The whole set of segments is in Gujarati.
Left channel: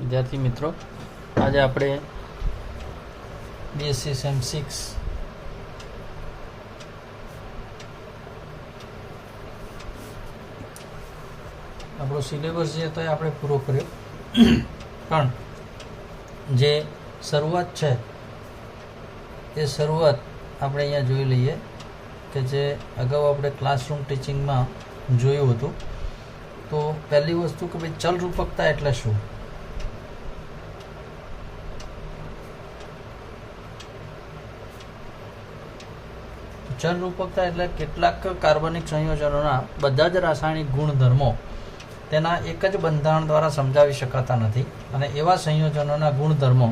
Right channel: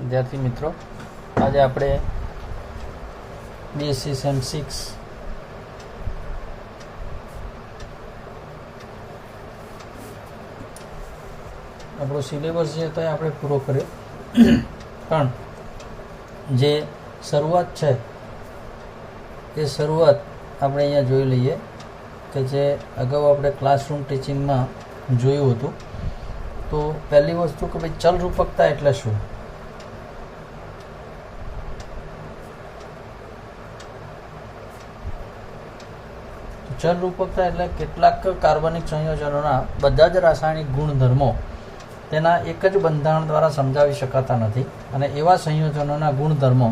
વિદ્યાર્થી મિત્રો, આજે આપણે બીએસસી સેમ 6 આપણો સિલેબસ છે તો એ આપણે પૂરો કર્યો, પણ જે શરૂઆત છે એ શરૂઆત આપણે અહીંયા જોઈ લઈએ કે જે અગાઉ આપણે ક્લાસરૂમ ટીચિંગમાં જોયું હતું. તો પહેલી વસ્તુ કે ભાઈ ચલરૂપકતા એટલે શું? ચલરૂપકતા એટલે કેટલાક કાર્બનિક સંયોજનોના બધા જ રાસાયણિક ગુણધર્મો તેના એક જ બંધારણ દ્વારા સમજાવી શકાતા નથી, અને એવા સંયોજનોના ગુણધર્મો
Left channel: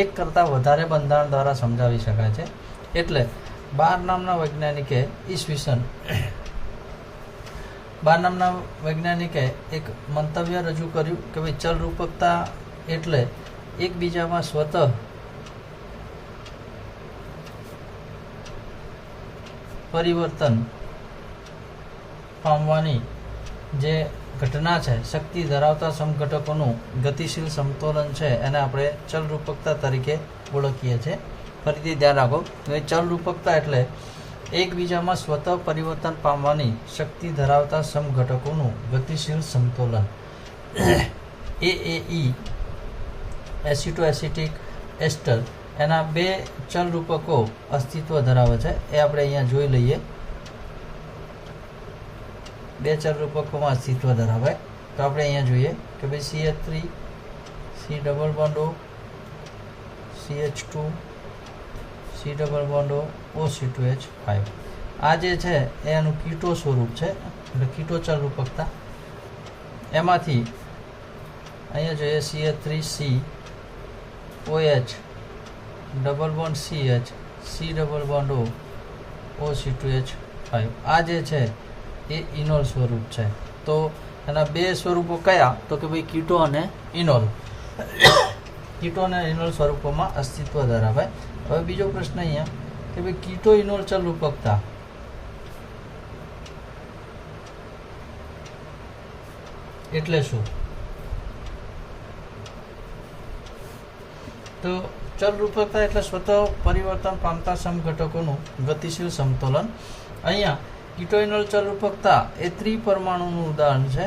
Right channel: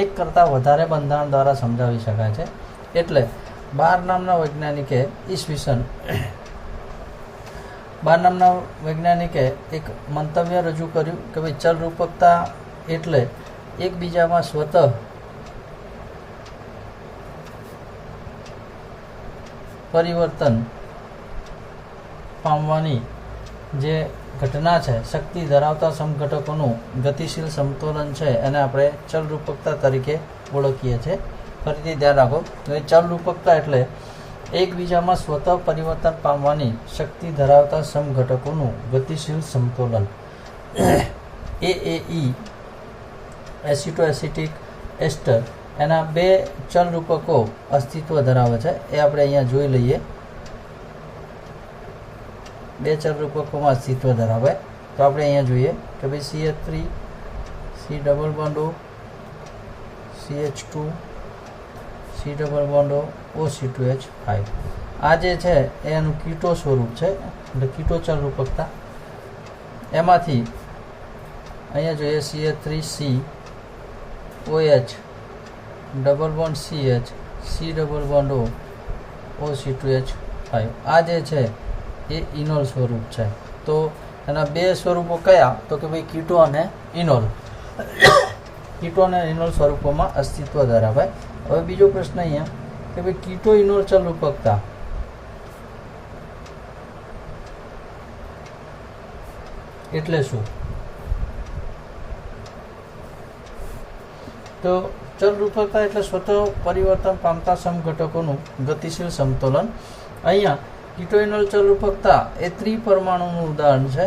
એક કરતાં વધારે બંધારણ દ્વારા સમજાવી શકાય છે. એટલે બાર નામના વૈજ્ઞાનિકે એક મંતવ્ય રજૂ કર્યું કે ભાઈ ચલરૂપકતા એટલે એકબીજામાં સ્વતઃ પરિવર્તન પામવાની જે ઘટના છે, શક્તિ ધરાવતા સમઘટકોનું ગતિશીલ સમતોલન છે, એને આપણે ચલરૂપકતા તરીકે ઓળખીએ છીએ. ફરીથી ધ્યાન રાખો કે ચલરૂપકતા એટલે એકબીજામાં સ્વતઃ પરિવર્તન પામવાની શક્તિ ધરાવતા સમઘટકોનું ગતિશીલ સમતોલન. AAE એસિટોએસિટિક એસ્ટર એના બે ચલરૂપકો અસ્તિત્વ ધરાવે છે, એ આપણે અહીંયા જોઈ લઈએ. બે ચલરૂપકોમાં અસ્તિત્વ ધરાવે તો આપણે અહીંયા જોઈએ કે ભાઈ CH3 C double bond O CH2 C double bond O OC2H5. આ જે છે એનું કીટો સ્વરૂપ છે, એટલે કીટો ચલરૂપકતા. એમાંથી અહીંયા જોઈએ CH3C OH double bond CH C double bond O OC2H5. આ જે છે એ ઇનોલ સ્વરૂપ છે. તો એના બે સ્વરૂપો કયા? તો કે ભાઈ કીટો અને ઇનોલ. કીટો અને ઇનોલ સ્વરૂપોમાં અસ્તિત્વ ધરાવે. હવે બીજો પ્રશ્ન અહીંયા કે ભાઈ કીટો ઇનોલ ચલરૂપકતા એટલે શું? તો ચલરૂપકતા એટલે સ્વતઃ પરિવર્તન પામતા સમઘટકોનું ગતિશીલ સમતોલન. અહીંયા કીટોઇનોલ ચલરૂપકતા એ ત્રિપરમાણુનું ઉદાહરણ છે,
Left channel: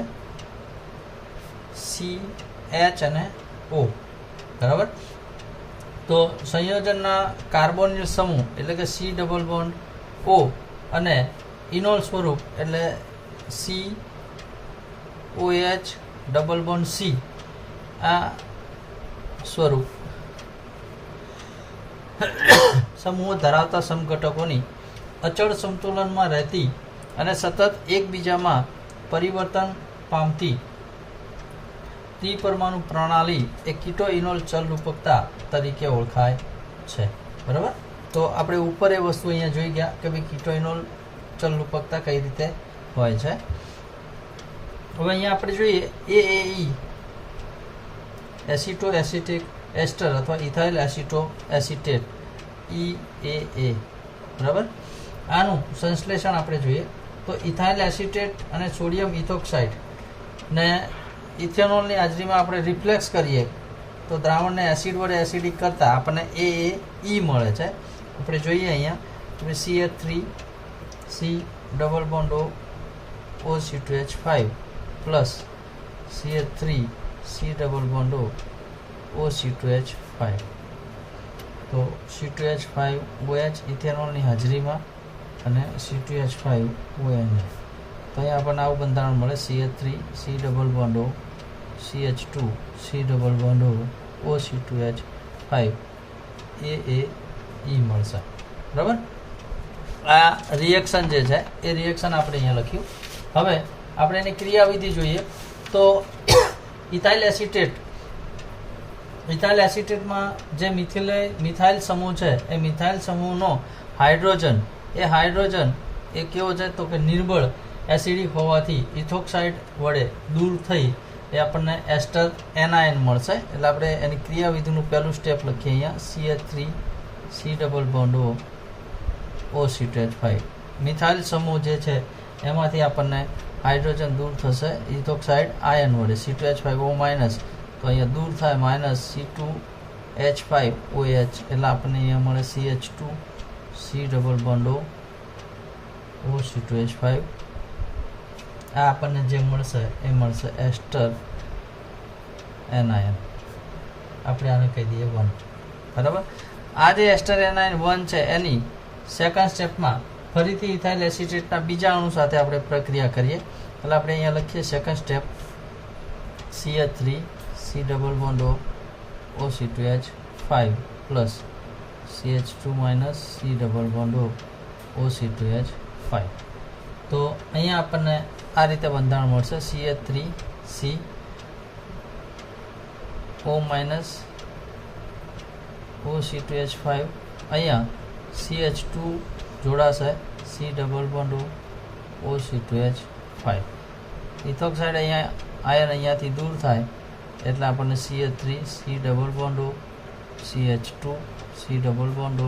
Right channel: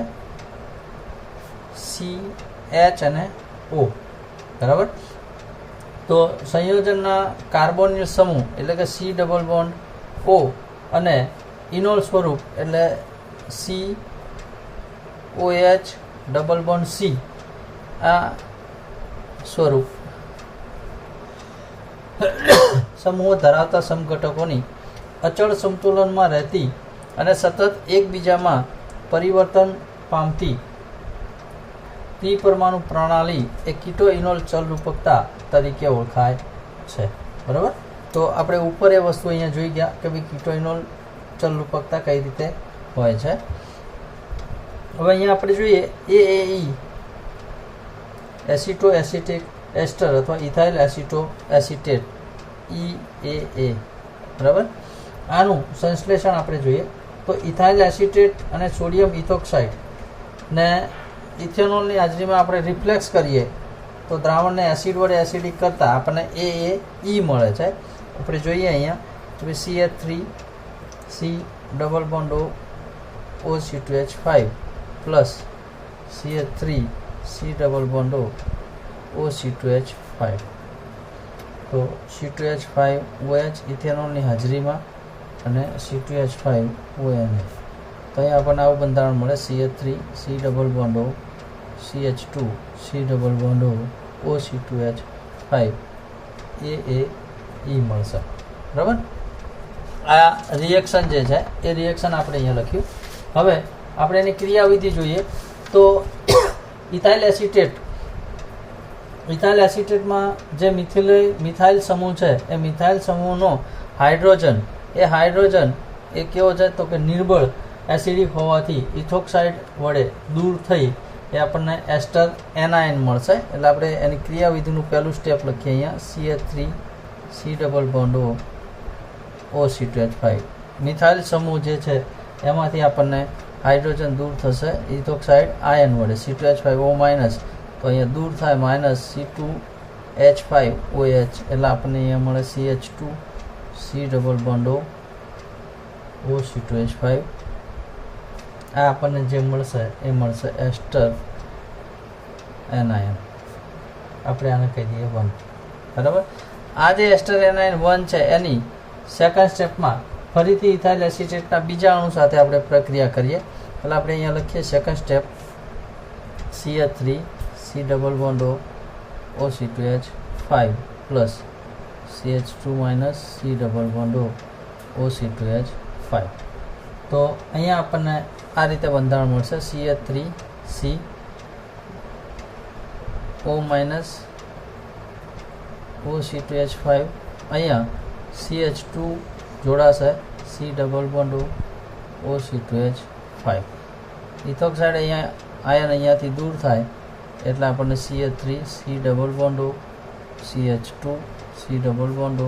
C H અને O. બરાબર. તો સંયોજનના કાર્બોનિલ સમૂહ એટલે કે C ડબલ બોન્ડ O અને ઇનોલ સ્વરૂપ એટલે COH ડબલ બોન્ડ C. આ સ્વરૂપ સમૂહો ધરાવતા સમઘટકોની અચળ સમતુલનમાં રહેતી અને સતત એકબીજામાં પરિવર્તન પામતી ત્રિપરમાણુ પ્રણાલી એ કીટો ઇનોલ ચલરૂપકતા તરીકે ઓળખાય છે. બરાબર. તો આપણે ઉપર એ વસ્તુ અહીંયા જોઈ ગયા કે ભાઈ કીટો ઇનોલ ચલરૂપકતા કઈ રીતે હોય છે. હવે અહીંયા આપણે જોઈએ AAE એસિટો એસિટિક એસ્ટર અથવા ઇથાઇલ એસિટો એસિટેટ EAA. બરાબર. આનું સંશ્લેષણ આપણે જોઈએ તો ઇથાઇલ એસિટેટ અને સોડિયમ ઇથોક્સાઇડ ને ઇથેનોલની હાજરીમાં આપણે રિફ્લેક્સ કરીએ તો દ્રાવણને એસિડ વડે એસિડિક કરતાં આપણને AAE મળે છે. આપણે જોઈએ અહીંયા CH3 C double bond O OC2H5 plus CH3 C double bond O OC2H5. તો C2H5 OH ઇથેનોલની હાજરીમાં અને C2H5 ONA. તો અહીંયા આપણને આવું બંધારણ મળે, CH3 C double bond O CH2 C double bond O OC2H5 AAE મળશે. બરાબર. આ રિએક્શન જે છે એ રિએક્શન આપણે અહીંયા લખ્યું. હવે આપણે એની ક્રિયાવિધિ જોઈએ તો ઇથાઇલ એસિટેટમાં જે મિથાઇલ સમૂહ છે એ મિથાઇલ સમૂહનો હાઇડ્રોજન એ કેવો છે? તો કે નિર્બળ એસિડિક હોવાથી ઇથોક્સાઇડ વડે દૂર થઈ એ આપણને એસ્ટર એનાયન મળશે. એટલે આપણે એની ક્રિયાવિધિનું પહેલું સ્ટેપ લખીએ અહીંયા CH3 C double bond O OC2H5. Methyl સમૂહ જે છે એમાંથી આપણને હાઇડ્રોજન દૂર થશે ઇથોક્સાઇડ આયન વડે C2H5O- તો અહીંયા દૂર થાય -C2H5OH એટલે આપણને અહીંયા મળે CH2 C ડબલ બોન્ડો OC2H5. આ આપણને જે મળશે એ મળશે એસ્ટર એનાયન. આપણે આને કહી દઈએ 1. બરાબર. આ જે એસ્ટર એનાયન 1 છે એની સેકન્ડ સ્ટેપમાં ફરીથી ઇથાઇલ એસિટેટના બીજા અણુ સાથે આપણે પ્રક્રિયા કરીએ. એટલે આપણે અહીંયા લખીએ second step CH3 C double બોન્ડો OC2H5 plus CH2 minus C double બોન્ડો OC2H5. તો અહીંયા આપણને આ રીતે બંધારણ મળશે CH3 C O minus OC2H5. અહીંયા CH2 જોડાશે C ડબલ બોન્ડો OC2H5. ઇથોક્સાઇડ અહીંયા આયન અહીંયાથી દૂર થાય એટલે આપણને CH3 C ડબલ બોન્ડો CH2 C ડબલ બોન્ડો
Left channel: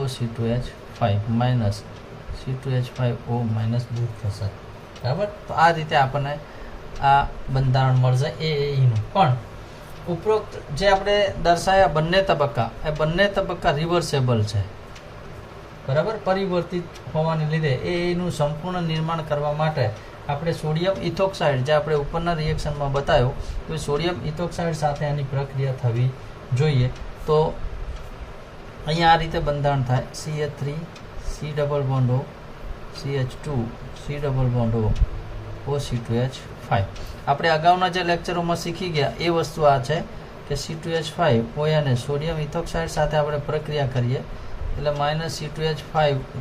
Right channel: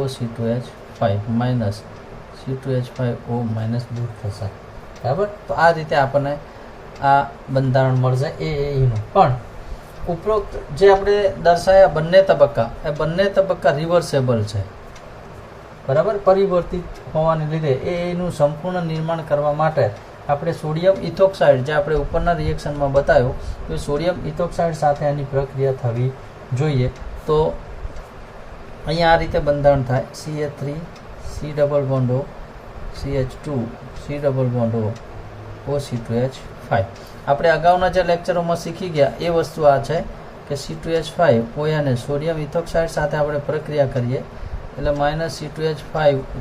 OC2H5 માઇનસ C2H5O માઇનસ દૂર થશે. બરાબર. તો આ રીતે આપણને આ બંધારણ મળશે એનું. પણ ઉપરોક્ત જે આપણે દર્શાયા બંને તબક્કા એ બંને તબક્કા રિવર્સેબલ છે. બરાબર. પરિવર્તિત હોવાને લીધે એનું સંપૂર્ણ નિર્માણ કરવા માટે આપણે સોડિયમ ઇથોક્સાઇડ જે આપણે ઉપરના રિએક્શનમાં બતાવ્યો તો સોડિયમ ઇથોક્સાઇડ સાથે એની પ્રક્રિયા થવી જોઈએ. તો અહીંયા આ રીતે બંધારણ થાય CH3 C ડબલ બોન્ડો CH2 C ડબલ બોન્ડો OC2H5. આપણે અગાઉના જે લેક્ચરોમાં શીખી ગયા એ વસ્તુ આ છે કે C2H5 ONને સોડિયમ ઇથોક્સાઇડ સાથે આપણે પ્રક્રિયા કરીએ એટલે -C2H5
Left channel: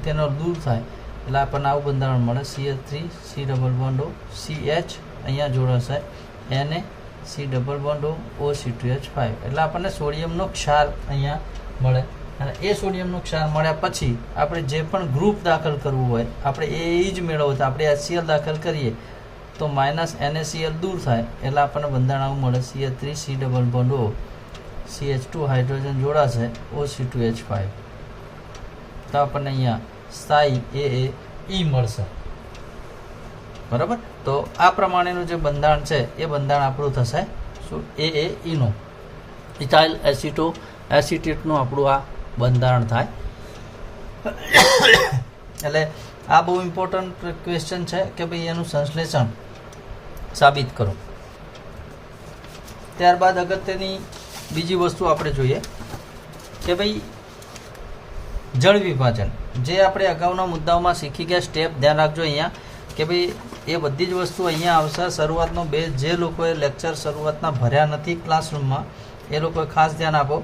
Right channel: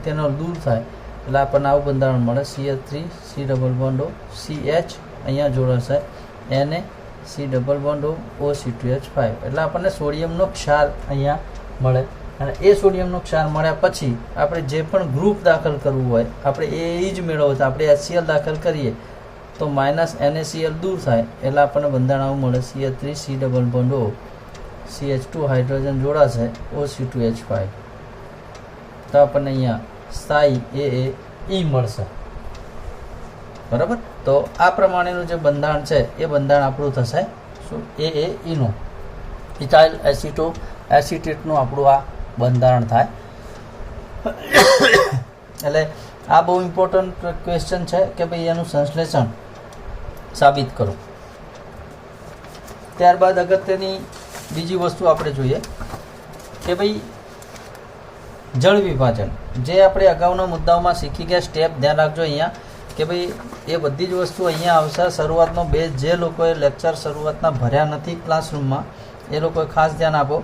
તેનો દૂર થાય એટલે આપણને આવું બંધારણ મળે CH3 C ડબલ બોન્ડો CH અહીંયા જોડાશે Na C ડબલ બોન્ડો OC2H5 એટલે આપણને સોડિયમનો ક્ષાર અહીંયા મળે. અને એ સોડિયમનો ક્ષાર મળ્યા પછી આપણે જે પણ ગ્રુપ દાખલ કરવું હોય આપણે એ જ મેળવવું તો આપણે HCl દાખલ કરીએ તો -NaCl દૂર થાય એટલે આપણને બંધારણ આવું મળે CH3 C ડબલ બોન્ડો CH2 હાઇડ્રોજન જોડાશે OC2H5. તો આપણને અહીંયા સ્થાયી એ મળશે. બરાબર. તો આ પ્રમાણેનું જે બંધારણ છે એ બંધારણ આપણું થશે શું નો ઇથાઇલ એસિટેટનું આપણું આ બંધારણ થાય. એટલે આ બહુ ઇમ્પોર્ટન્ટ ક્વેશ્ચન છે કે ભાઈ એનું સંશ્લેષણ સાબિત કરો. ત્યારબાદ અગત્યની બીજી વસ્તુ આપણે જોઈએ કે ભાઈ જળ વિભાજન જે આપણે અગાઉના મુદ્દાઓમાં શીખી ગયા સ્ટેપ ધ્યાન રાખજો અહીંયા કે ભાઈ એ બધી જ વસ્તુ અહીંયા આવશે. શરૂઆતનો બેઝ જે લોકોએ લેક્ચર શરૂઆતના ભર્યા નથી ક્લાસરૂમમાં એ લોકોએ ખાસ ધ્યાન આપો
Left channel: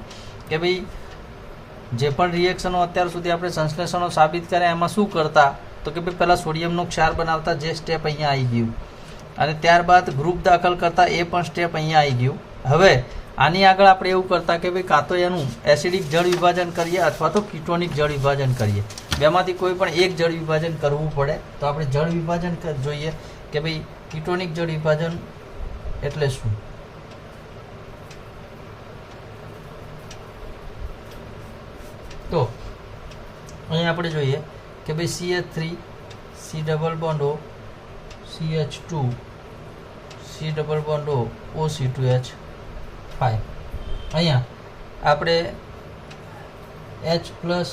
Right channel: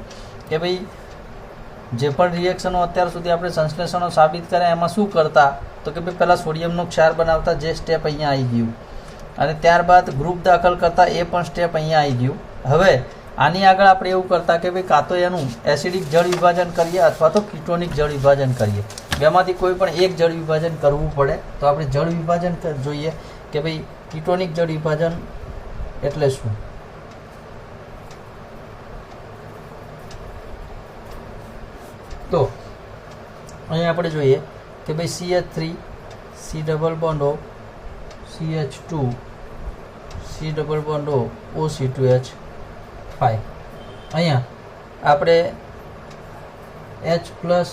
કે ભાઈ જે પણ રિએક્શનો અત્યાર સુધી આપણે સંશ્લેષણો સાબિત કર્યા એમાં શું કરતા તો કે ભાઈ પહેલાં સોડિયમનો ક્ષાર બનાવતા જે સ્ટેપ અહીંયા આવી ગયું અને ત્યારબાદ ગ્રુપ દાખલ કરતા એ પણ સ્ટેપ અહીંયા આવી ગયું. હવે આની આગળ આપણે એવું કરતા કે ભાઈ કાં તો એનું એસિડિક જળ વિભાજન કરીએ અથવા તો કીટોનિક જળ વિભાજન કરીએ. બેમાંથી કોઈ પણ એક જળ વિભાજન કરવું પડે તો આપણે જળ વિભાજન જોઈએ કે ભાઈ કીટોનિક જળ વિભાજન એટલે શું. તો અહીંયા આપણે જોઈએ કે ભાઈ CH3 C ડબલ બોન્ડો CH2 C ડબલ બોન્ડો OC2H5. અહીંયા આપણે H પ્લસ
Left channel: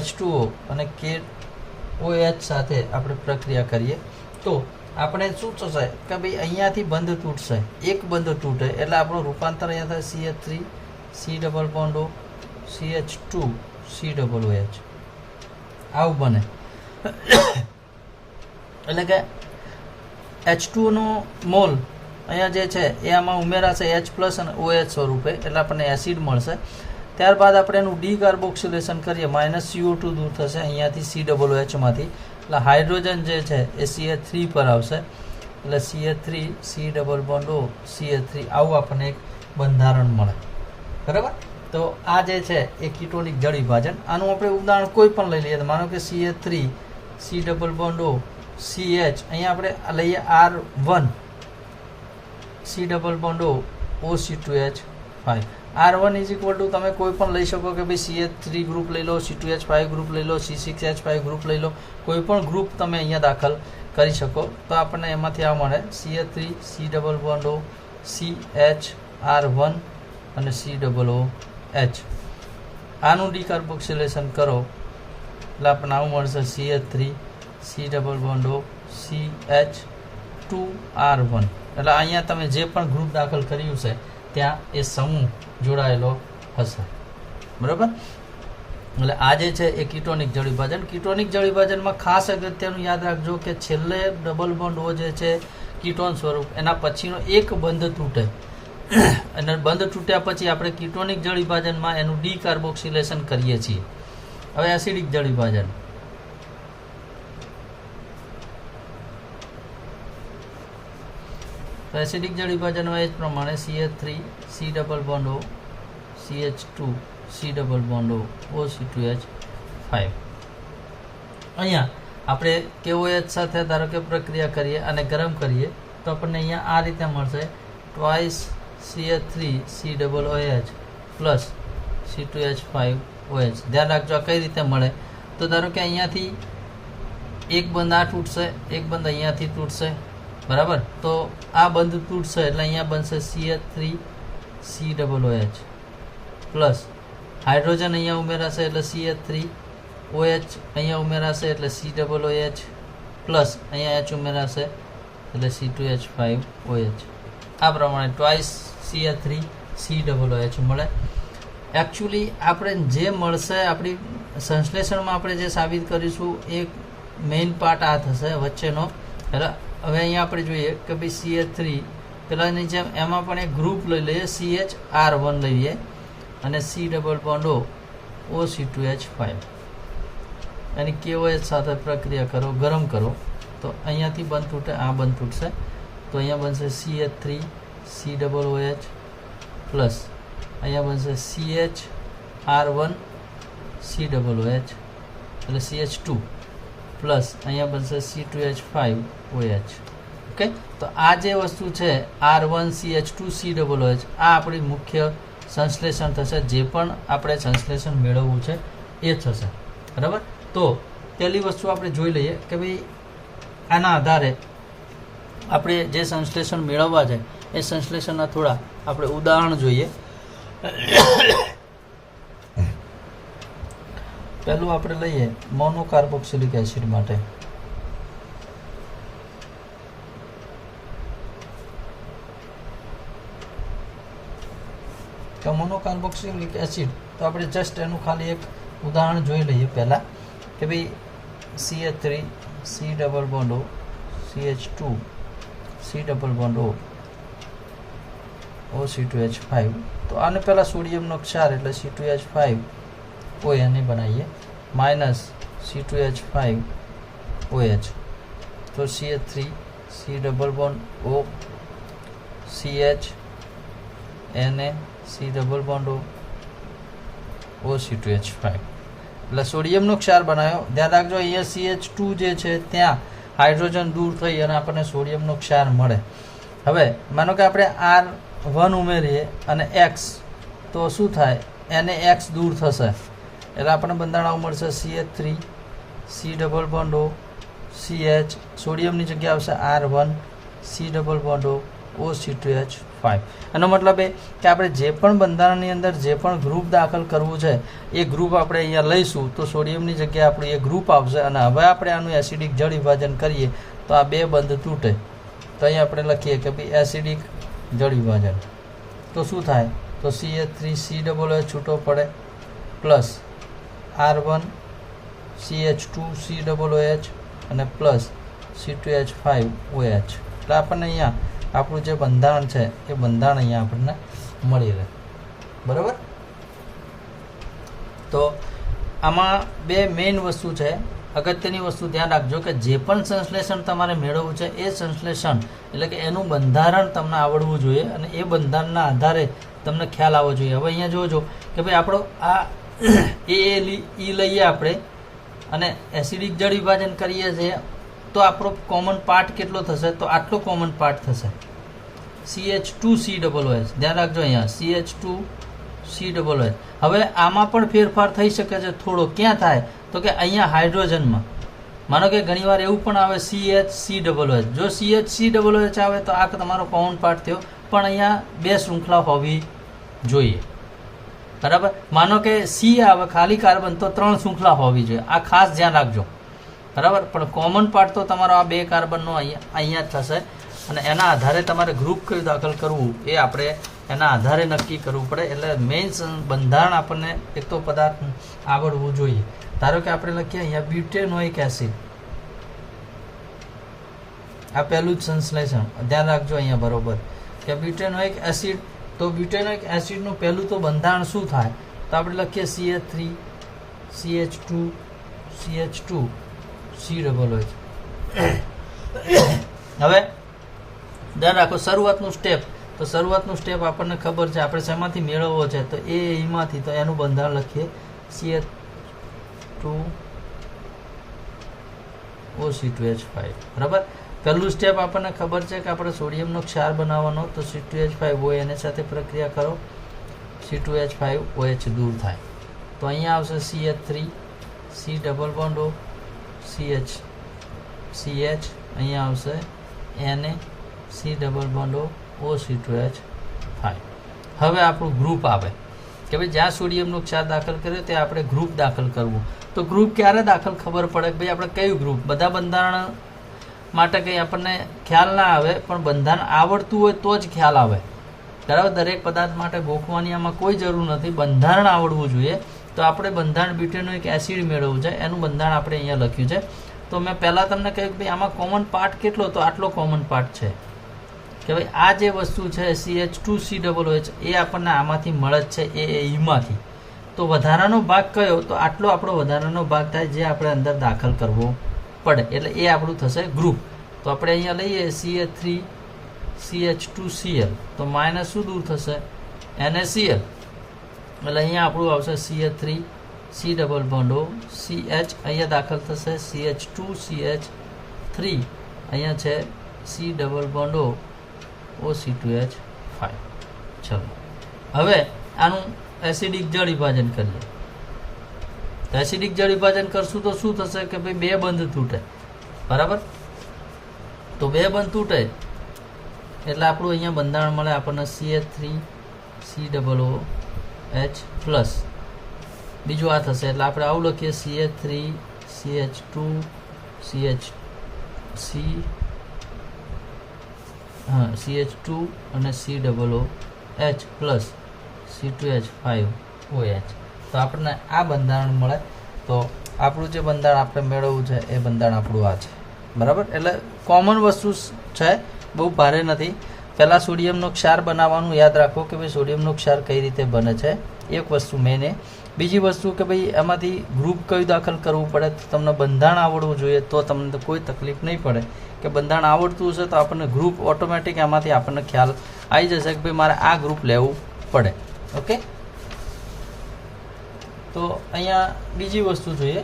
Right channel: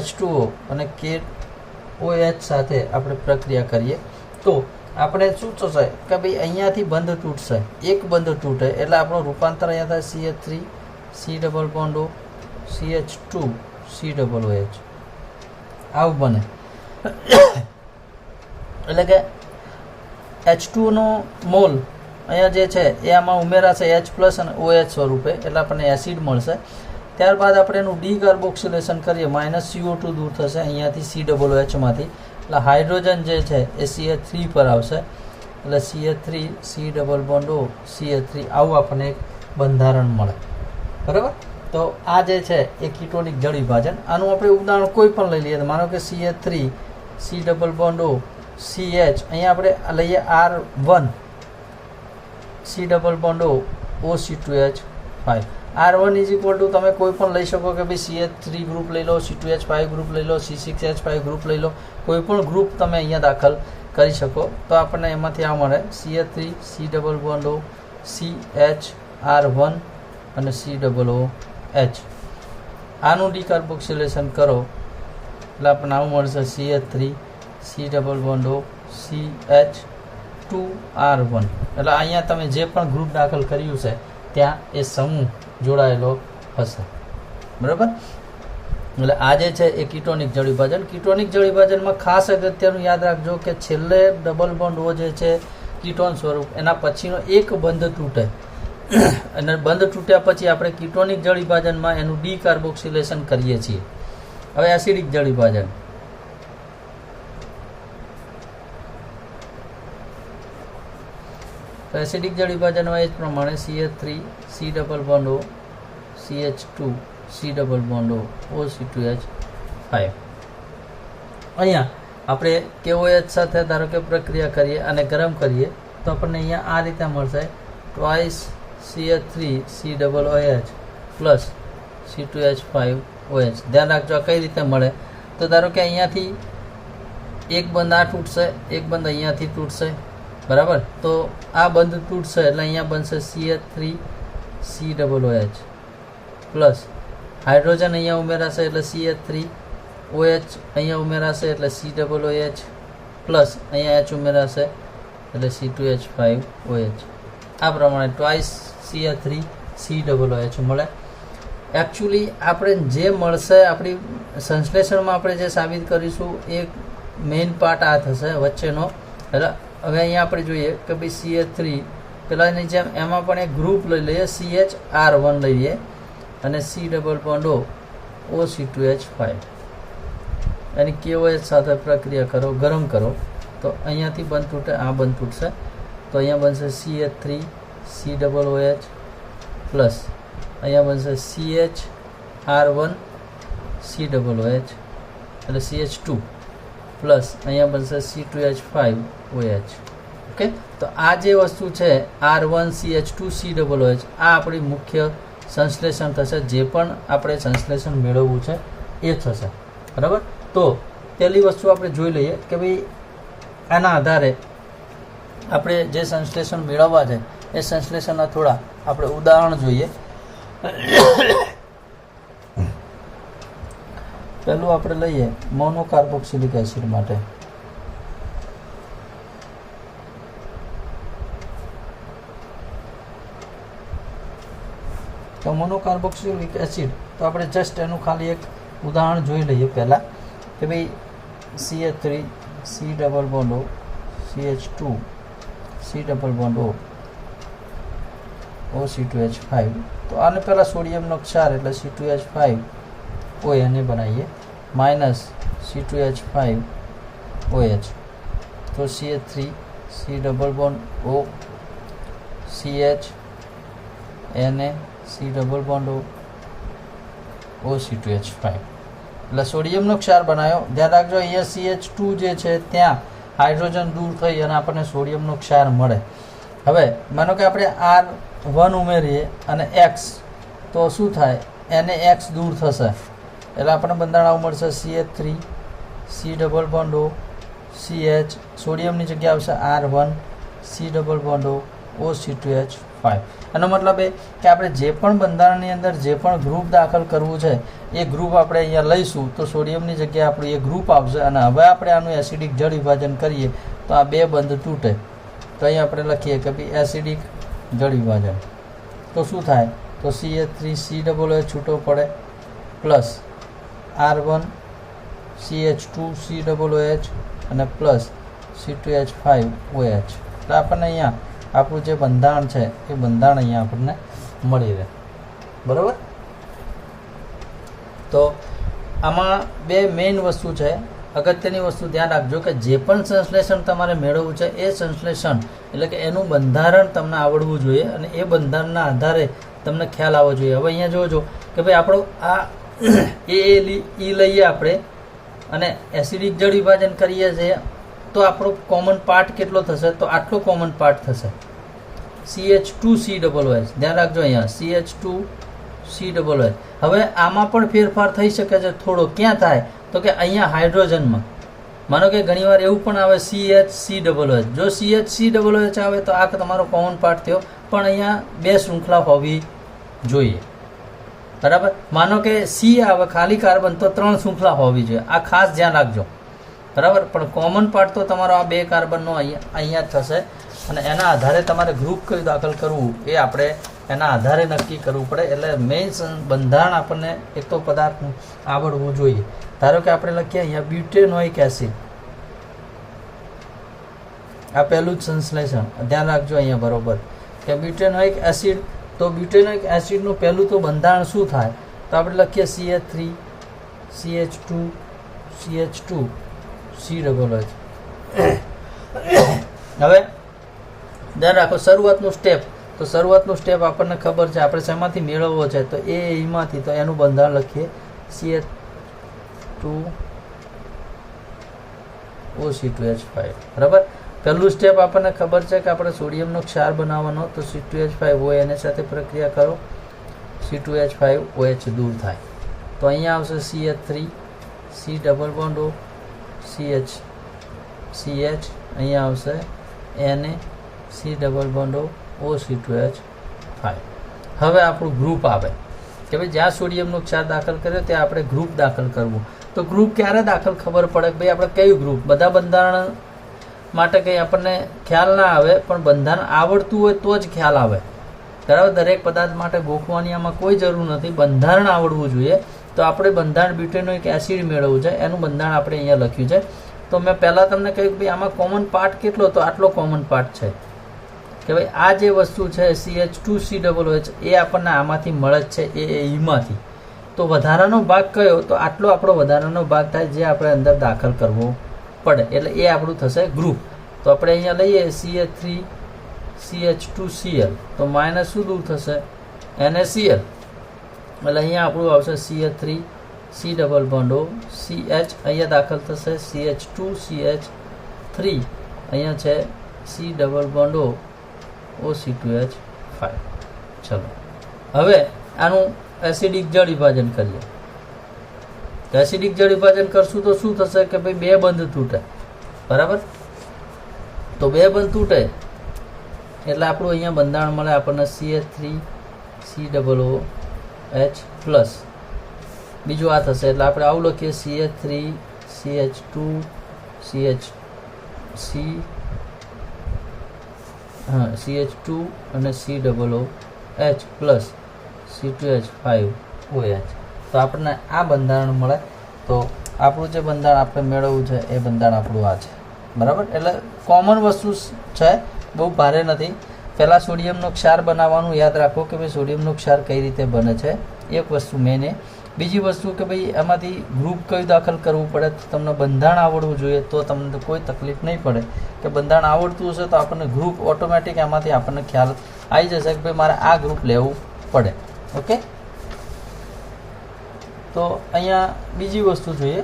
H2O અને KOH સાથે આપણે પ્રક્રિયા કરીએ તો આપણે શું થશે કે ભાઈ અહીંયાથી બંધ તૂટશે. એક બંધ તૂટે એટલે આપણું રૂપાંતર અહીંયા થાય CH3 C ડબલ બોન્ડો CH2 C ડબલ OH આવું બને. એટલે કે H2નો મોલ અહીંયા જે છે એ આમાં ઉમેરાશે H પ્લસ અને OH સ્વરૂપે એટલે આપણને એસિડ મળશે. ત્યારબાદ આપણે એનું ડીકાર્બોક્સિલેશન કરીએ -CO2 દૂર થશે અહીંયાથી C ડબલ OHમાંથી એટલે હાઇડ્રોજન જે છે એ CH3 પર આવશે એટલે CH3 C ડબલ બોન્ડો CH3 આવું આપણને એક બંધારણ મળે. બરાબર. તો આ જે છે એ કીટોનિક જળ વિભાજન. આનું આપણે ઉદાહરણ કોઈ પણ લઈ લઈએ. માનો કે CH3 C ડબલ બોન્ડો CH અહીંયા આપણે લઈએ R1 C ડબલ બોન્ડો OC2H5. R1 is equal to તમે કોઈ પણ લઈ શકો કે ભાઈ CH3 ગ્રુપ લઈ લો, C2H5 ગ્રુપ લઈ લો, C6H5 ગ્રુપ લઈ લો, કોઈ પણ ગ્રુપ તમે અહીંયા દાખલ કરી શકો. તો આપણને એમાંથી આ મળે CH3 C ડબલ બોન્ડો CH_R1 અને COOH. આનું ડીકાર્બોક્સિલેશન કરો એટલે આપણને આવું મળશે CH3 C∫O CH2R1. એટલે અહીંયા તમે જે પણ ગ્રુપ દાખલ કર્યું છે ત્યાં એ સમૂહ જોડાયેલો હશે. બરાબર. એટલે આ જે છે એ કીટોનિક જળ વિભાજન. કીટોનિક જળ વિભાજનમાં ખાસ અગત્યનું યાદ રાખજો કે છેલ્લે ડબલ બોન્ડ O જે છે કીટોન સ્વરૂપ, એના પછીનો એક બંધ તૂટે અને બંધ તૂટ્યા પછી આપણે કીટોનિક જળ વિભાજનમાં એનું ડીકાર્બોક્સિલેશન કરીએ છીએ. હવે એસિડિક જળ વિભાજન. તો એસિડિક જળ વિભાજનમાં એ જ પ્રમાણે CH3 C∫O CH2 C∫O OC2H5. અહીંયા આપણે KOH સાથે ધારો કે પ્રક્રિયા કરીએ અને ગરમ કરીએ તો આપણને અહીંયા આ રીતે મળશે twice CH3 COOH plus C2H5OH. ધ્યાન રાખજો આ કઈ રીતે મળે. તો ધારો કે અહીંયાથી એક બંધ આ તૂટશે, એક બંધ અહીંયાથી તૂટશે. બરાબર. તો આ બંધ તૂટશે એટલે અહીંયા બનશે CH3 COOH પ્લસ હાઇડ્રોજન અહીંયા ઉમેરાશે એટલે CH3 OH અહીંયા ઉમેરાશે એટલે COOH પ્લસ અહીંયા H ઉમેરાશે એટલે C2H5OH. આ પ્રમાણે ટ્વાઇસ CH3 COOH મળે. એકચ્યુઅલી આપણે જે મળશે આપણી સંશ્લેષણમાં આપણે જે સાબિત કરીશું એ મેઇન પાર્ટ આ થશે વચ્ચેનો. એટલે હવે અહીંયા આપણે જોઈએ કે ભાઈ CH3 પેલાની જેમ એમાં પણ એક ગ્રુપ લઈ લઈએ, CH_R1 લઈએ અને C∫O OC2H5 એની KOH સાથે પ્રક્રિયા કરો, ગરમ કરો તો અહીંયાથી બંધ તૂટે, આ બંધ તૂટશે. તો અહીંયા બનશે CH3 COOH પ્લસ અહીંયા બનશે CH_R1 COOH એટલે CH2 પ્લસ અહીંયા બનશે C2H5OH. ઓકે. તો આ જે વસ્તુ છે R1 CH2 COOH આ આપણી મુખ્ય સંશ્લેષણ થશે. જે પણ આપણે સંશ્લેષણ મેળવવું છે એ થશે. બરાબર. તો પહેલી વસ્તુ આપણે જોઈ લઈએ કે ભાઈ આના આધારે આપણે જે સંશ્લેષણ મેળવવા છે એ સંશ્લેષણના થોડા આપણે ઉદાહરણ જોઈએ. પહેલું આપણે લઈએ મોનોકાર્બોક્સિલિક એસિડ માટે. તો મોનોકાર્બોક્સિલિક એસિડ તો આપણે જસ્ટ એનું ખાલી એક ઉદાહરણ જોઈ લઈએ પહેલાં કે ભાઈ CH3 C∫O CH2 C∫O OC2H5. તો આને પહેલાં સોડિયમનો ક્ષાર એટલે C2H5O એને બનાવીએ માઇનસ C2H5OH. તો CH3 C∫O CH Na C∫O OC2H5 એટલે સોડિયમનો ક્ષાર બનાવ્યો. ધ્યાન રાખજો અહીંયા CH2 જે છે ત્યાં હાઇડ્રોજન દૂર થઈ અને આપણને સોડિયમનો ક્ષાર મળે. હવે માનો કે આપણે R1 ઉમેરીએ અને X તો શું થાય, NaX દૂર થશે એટલે આપણને બંધારણ મળશે CH3 C∫O CH સોડિયમની જગ્યા આવશે R1 C∫O OC2H5. એનો મતલબ એ કે આપણે જે પણ બંધારણની અંદર જે પણ ગ્રુપ દાખલ કરવું છે એ ગ્રુપ આપણે અહીંયા લઈશું તો સોડિયમની જગ્યાએ આપણું એ ગ્રુપ આવશે. અને હવે આપણે આનું એસિડિક જળ વિભાજન કરીએ તો આ બે બંધ તૂટે. તો અહીંયા આપણે લખીએ કે ભાઈ એસિડિક જળ વિભાજન તો શું થાય, તો CH3 COOH છૂટો પડે પ્લસ R1 CH2 COOH અને પ્લસ C2H5OH. એટલે આપણને અહીંયા આપણું જે બંધારણ છે એ બંધારણ અહીંયા આપણને મળી રહે. બરાબર. તો આમાં બે મેઇન વસ્તુ છે. અગત્યની વસ્તુ ધ્યાન રાખજો કે જે પણ સંશ્લેષણ તમારે મેળવવું છે એ સંશ્લેષણ એટલે કે એનું બંધારણ તમને આવડવું જોઈએ અને એ બંધારણના આધારે તમને ખ્યાલ આવવો જોઈએ. હવે અહીંયા જોજો કે ભાઈ આપણો આ એ લઈએ આપણે અને એસિડિક જળ વિભાજન કરીએ છીએ તો આપણો કોમન પાર્ટ કેટલો થશે, તો આટલો કોમન પાર્ટ થશે CH2 COOH. ધ્યાન રાખજો અહીંયા CH2 COOH. હવે આમાં પણ ફેરફાર થઈ શકે છે થોડો. ક્યાં થાય, તો કે અહીંયા હાઇડ્રોજનમાં માનો કે ઘણીવાર એવું પણ આવે CH_COH. જો CH_COH આવે તો આ તમારો કોમન પાર્ટ થયો, પણ અહીંયા 2 શૃંખલા હોવી જોઈએ. બરાબર. માનો કે C આવે ખાલી કાર્બન તો 3 શૃંખલા હોવી જોઈએ. આ ખાસ ધ્યાન રાખજો. બરાબર. પણ કોમન પાર્ટ તો તમારો આ 2 કાર્બનનો અહીંયા થશે, અને એના આધારે તમારે ગ્રુપ કયું દાખલ કરવું એ આપણે એના આધારે નક્કી કરવું પડે. એટલે મેઇન બંધારણ આપણને એક તો પદાર્થ આવડવું જોઈએ. ધારો કે આપણે લખીએ અહીંયા બ્યુટેનોઇક એસિડ. આ પહેલું જ સંશ્લેષણ ધ્યાન રાખજો અહીંયા બરોબર કે બ્યુટેનોઇક એસિડ. તો બ્યુટેનોઇક એસિડનું પહેલું તો બંધારણ શું થાય? તો આપણે લખીએ CH3 CH2 CH2 COOH. હવે ધ્યાન રાખો શરૂઆતનું સ્ટેપ. તો શરૂઆતનું સ્ટેપ આપણને ખબર છે, આપણે શેમાંથી મેળવવો છે? તો એમાંથી. તો એનું બંધારણ લખીએ CH2OC2H5. બરાબર. પહેલું સ્ટેપ આપણને ખબર છે કે આપણે સોડિયમનો ક્ષાર બનાવવાનો. તો C2H5OH એની સાથે પ્રક્રિયા કરો, C2H5OH દૂર થાય. તો અહીંયા આવશે CH3 C double bond O CH અહીંયા આવશે Na C double bond O OC2H5. હવે આપણું ગ્રુપ આવે કે ભાઈ જ્યાં સોડિયમનો ક્ષાર દાખલ કર્યો ત્યાં આપણે ગ્રુપ દાખલ કરવું. તો ગ્રુપ ક્યારે દાખલ ખબર પડે કે ભાઈ આપણે કયું ગ્રુપ? બધા બંધારણ માટે કંઈ આપણને ખ્યાલ ના આવે, પણ બંધારણ આવડતું હોય તો જ ખ્યાલ આવે. બરાબર. દરેક પદાર્થ માટે ગોખવાની આમાં કોઈ જરૂર નથી, બંધારણ આવડવું જોઈએ. તો આપણે બંધારણ બ્યુટેનોઇક એસિડ મેળવવું છે, એનું બંધારણ આપણે અહીંયા લખ્યું છે. તો મેં પહેલાં તમને કહ્યું કે ભાઈ આમાં કોમન પાર્ટ કેટલો? તો આટલો કોમન પાર્ટ છે કે ભાઈ આ જે વસ્તુ છે CH2COOH એ આપણને આમાંથી મળે જ છે, એમાંથી. તો વધારાનો ભાગ કયો? તો આટલો આપણો વધારાનો ભાગ થાય જે આપણે અંદર દાખલ કરવો પડે. એટલે એ આપણું થશે ગ્રુપ. તો આપણે અહીંયા લઈએ CH3 CH2Cl. તો માઇનસ શું દૂર થશે? NaCl. એટલે અહીંયા આપણું આવશે CH3 C double bond O CH. અહીંયા દાખલ થશે CH2CH3. અહીંયા છે C double bond O OC2H5. ચલો હવે આનું એસિડિક જળ વિભાજન કરીએ. તો એસિડિક જળ વિભાજન કરશું તો શું થશે કે ભાઈ 2 બંધ તૂટે. બરાબર. તો 2 બંધ તૂટે એટલે આપણું અહીંયા બંધારણ મળે આપણને CH3 COOH પ્લસ. બીજું આ થશે એટલે આપણે આવું લખીએ CH3 CH2 CH2 અને COOH પ્લસ C2H5OH. તો આપણને આ બંધારણ મળે. તો આપણું જે બંધારણ આપણે મેળવવું છે એ બંધારણ આપણું આ છે. બરાબર. એટલે કોમન વસ્તુ છે, બહુ ભારે નથી. પહેલાં સોડિયમનો ક્ષાર બનાવવાનું યાદ રાખો કે ભાઈ સોડિયમનો ક્ષાર કઈ રીતે બને છે, એક વસ્તુ મેન. બીજી વસ્તુ કે ભાઈ એમાંથી ગ્રુપ કયું દાખલ કરવું પડે. તમને બંધારણ આવડવું જોઈએ તો તમને કોઈ તકલીફ નહીં પડે. કે બંધારણ આવડતું હશે તો આપણને ગ્રુપ ઓટોમેટિક એમાંથી આપણને ખ્યાલ આવી જશે કે ભાઈ મારે આ ગ્રુપ લેવું પડે. ઓકે. તો અહીંયા બીજી વસ્તુ જોઈએ.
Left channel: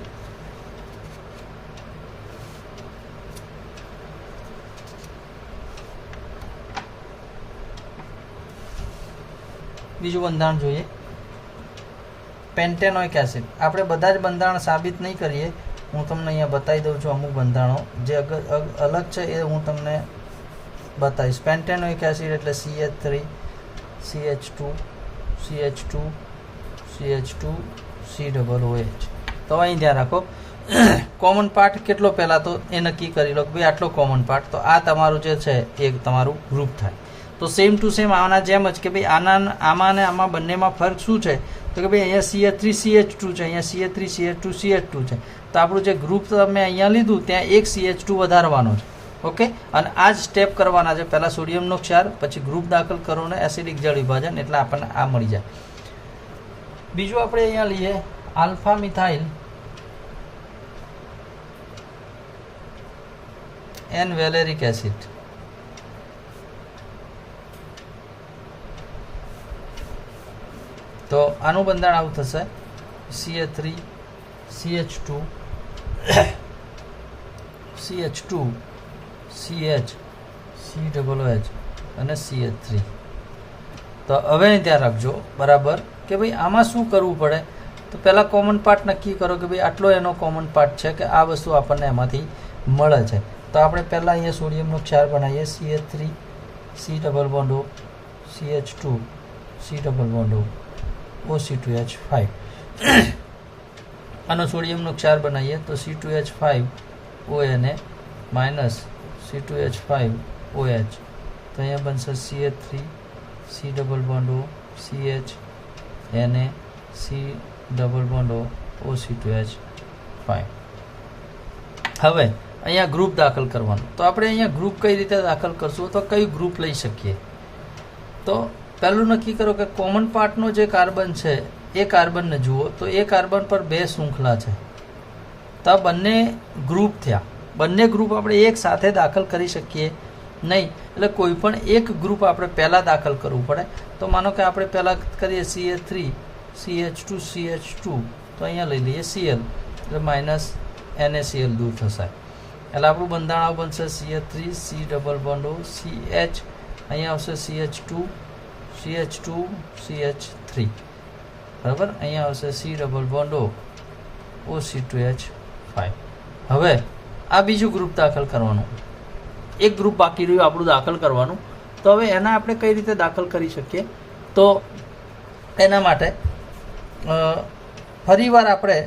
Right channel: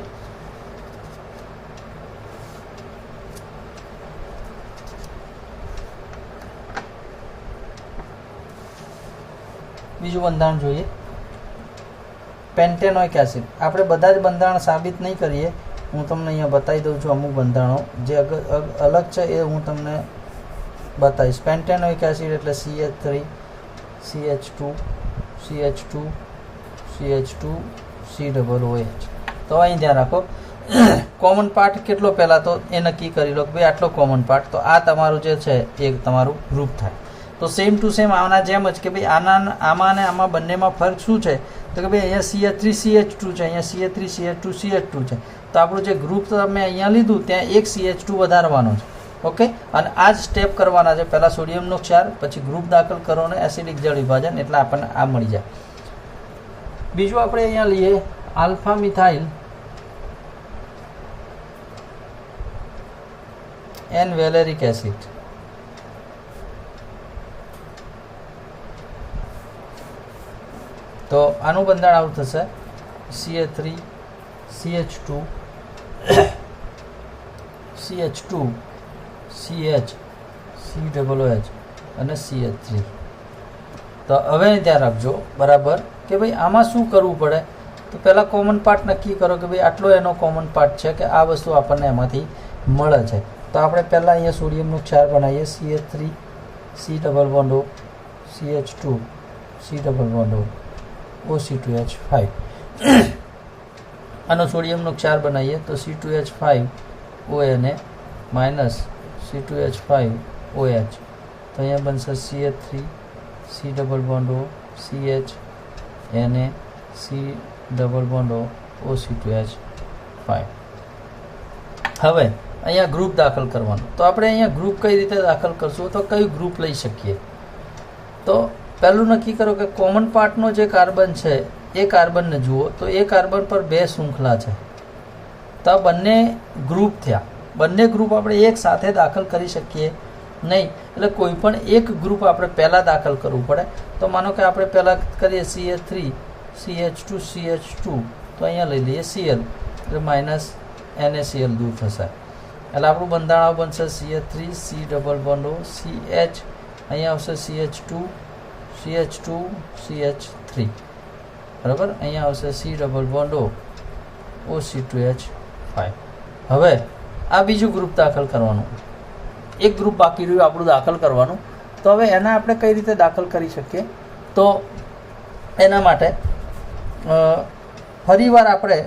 બીજું બંધારણ જોઈએ પેન્ટેનોઇક એસિડ. આપણે બધા જ બંધારણ સાબિત નહીં કરીએ, હું તમને અહીંયા બતાવી દઉં છું. અમુક બંધારણો જે અલગ છે એ હું તમને બતાવીશ. પેન્ટેનોઇક એસિડ એટલે CH3 CH2 CH2 CH2 COOH. તો અહીં ધ્યાન રાખો કોમન પાર્ટ કેટલો પહેલાં તો એ નક્કી કરી લો કે ભાઈ આટલો કોમન પાર્ટ. તો આ તમારું જે છે એ તમારું ગ્રુપ થાય. તો સેમ ટુ સેમ આના જેમ જ કે ભાઈ આમાં અને આમાં બંનેમાં ફરક શું છે? તો કે ભાઈ અહીંયા CH3 CH2 છે, અહીંયા CH3 CH2 CH2 છે. તો આપણું જે ગ્રુપ તમે અહીંયા લીધું ત્યાં એક CH2 વધારવાનો છે. ઓકે. અને આ જ સ્ટેપ કરવાના છે. પહેલાં સોડિયમનો ક્ષાર, પછી ગ્રુપ દાખલ કરો અને એસિડિક જળ વિભાજન, એટલે આપણને આ મળી જાય. બીજું આપણે અહીંયા લઈએ alpha methyl N valeric acid. તો આનું બંધારણ આવું થશે CH3 CH2 CH2 CH COOH અને CH3. તો હવે ધ્યાન રાખજો બરાબર કે ભાઈ આમાં શું કરવું પડે? તો પહેલાં કોમન પાર્ટ નક્કી કરો કે ભાઈ આટલો એનો કોમન પાર્ટ છે કે આ વસ્તુ આપણને એમાંથી મળે છે. તો આપણે પહેલાં અહીંયા સોડિયમનો ક્ષાર બનાવીએ CH3 C double bond O CH2 C double bond O OC2H5. આનો સોડિયમનો ક્ષાર બનાવીએ તો C2H5 ONA minus C2H5 OH. તો અહીંયા બનશે CH3 C double bond O CH Na C double bond O OC2H5. હવે અહીંયા ગ્રુપ દાખલ કરવાનું. તો આપણે અહીંયા ગ્રુપ કઈ રીતે દાખલ કરશું, તો કયું ગ્રુપ લઈ શકીએ? તો પહેલું નક્કી કરો કે કોમન પાર્ટનો જે કાર્બન છે એ કાર્બનને જુઓ તો એ કાર્બન પર 2 શૃંખલા છે. તો આ બંને ગ્રુપ થયા. બંને ગ્રુપ આપણે એક સાથે દાખલ કરી શકીએ નહીં. એટલે કોઈ પણ એક ગ્રુપ આપણે પહેલાં દાખલ કરવું પડે. તો માનો કે આપણે પહેલાં કરીએ CH3 CH2 CH2. તો અહીંયા લઈ લઈએ Cl એટલે માઇનસ NaCl દૂર થશે. એટલે આપણું બંધારણ બનશે CH3 C double bond O CH. અહીંયા આવશે CH2 CH2 CH3 બરાબર. અહીંયા આવશે C double bond O OC2H5. હવે આ બીજું ગ્રુપ દાખલ કરવાનું. એક ગ્રુપ બાકી રહ્યું આપણું દાખલ કરવાનું. તો હવે એના આપણે કઈ રીતે દાખલ કરી શકીએ? તો એના માટે ફરીવાર આપણે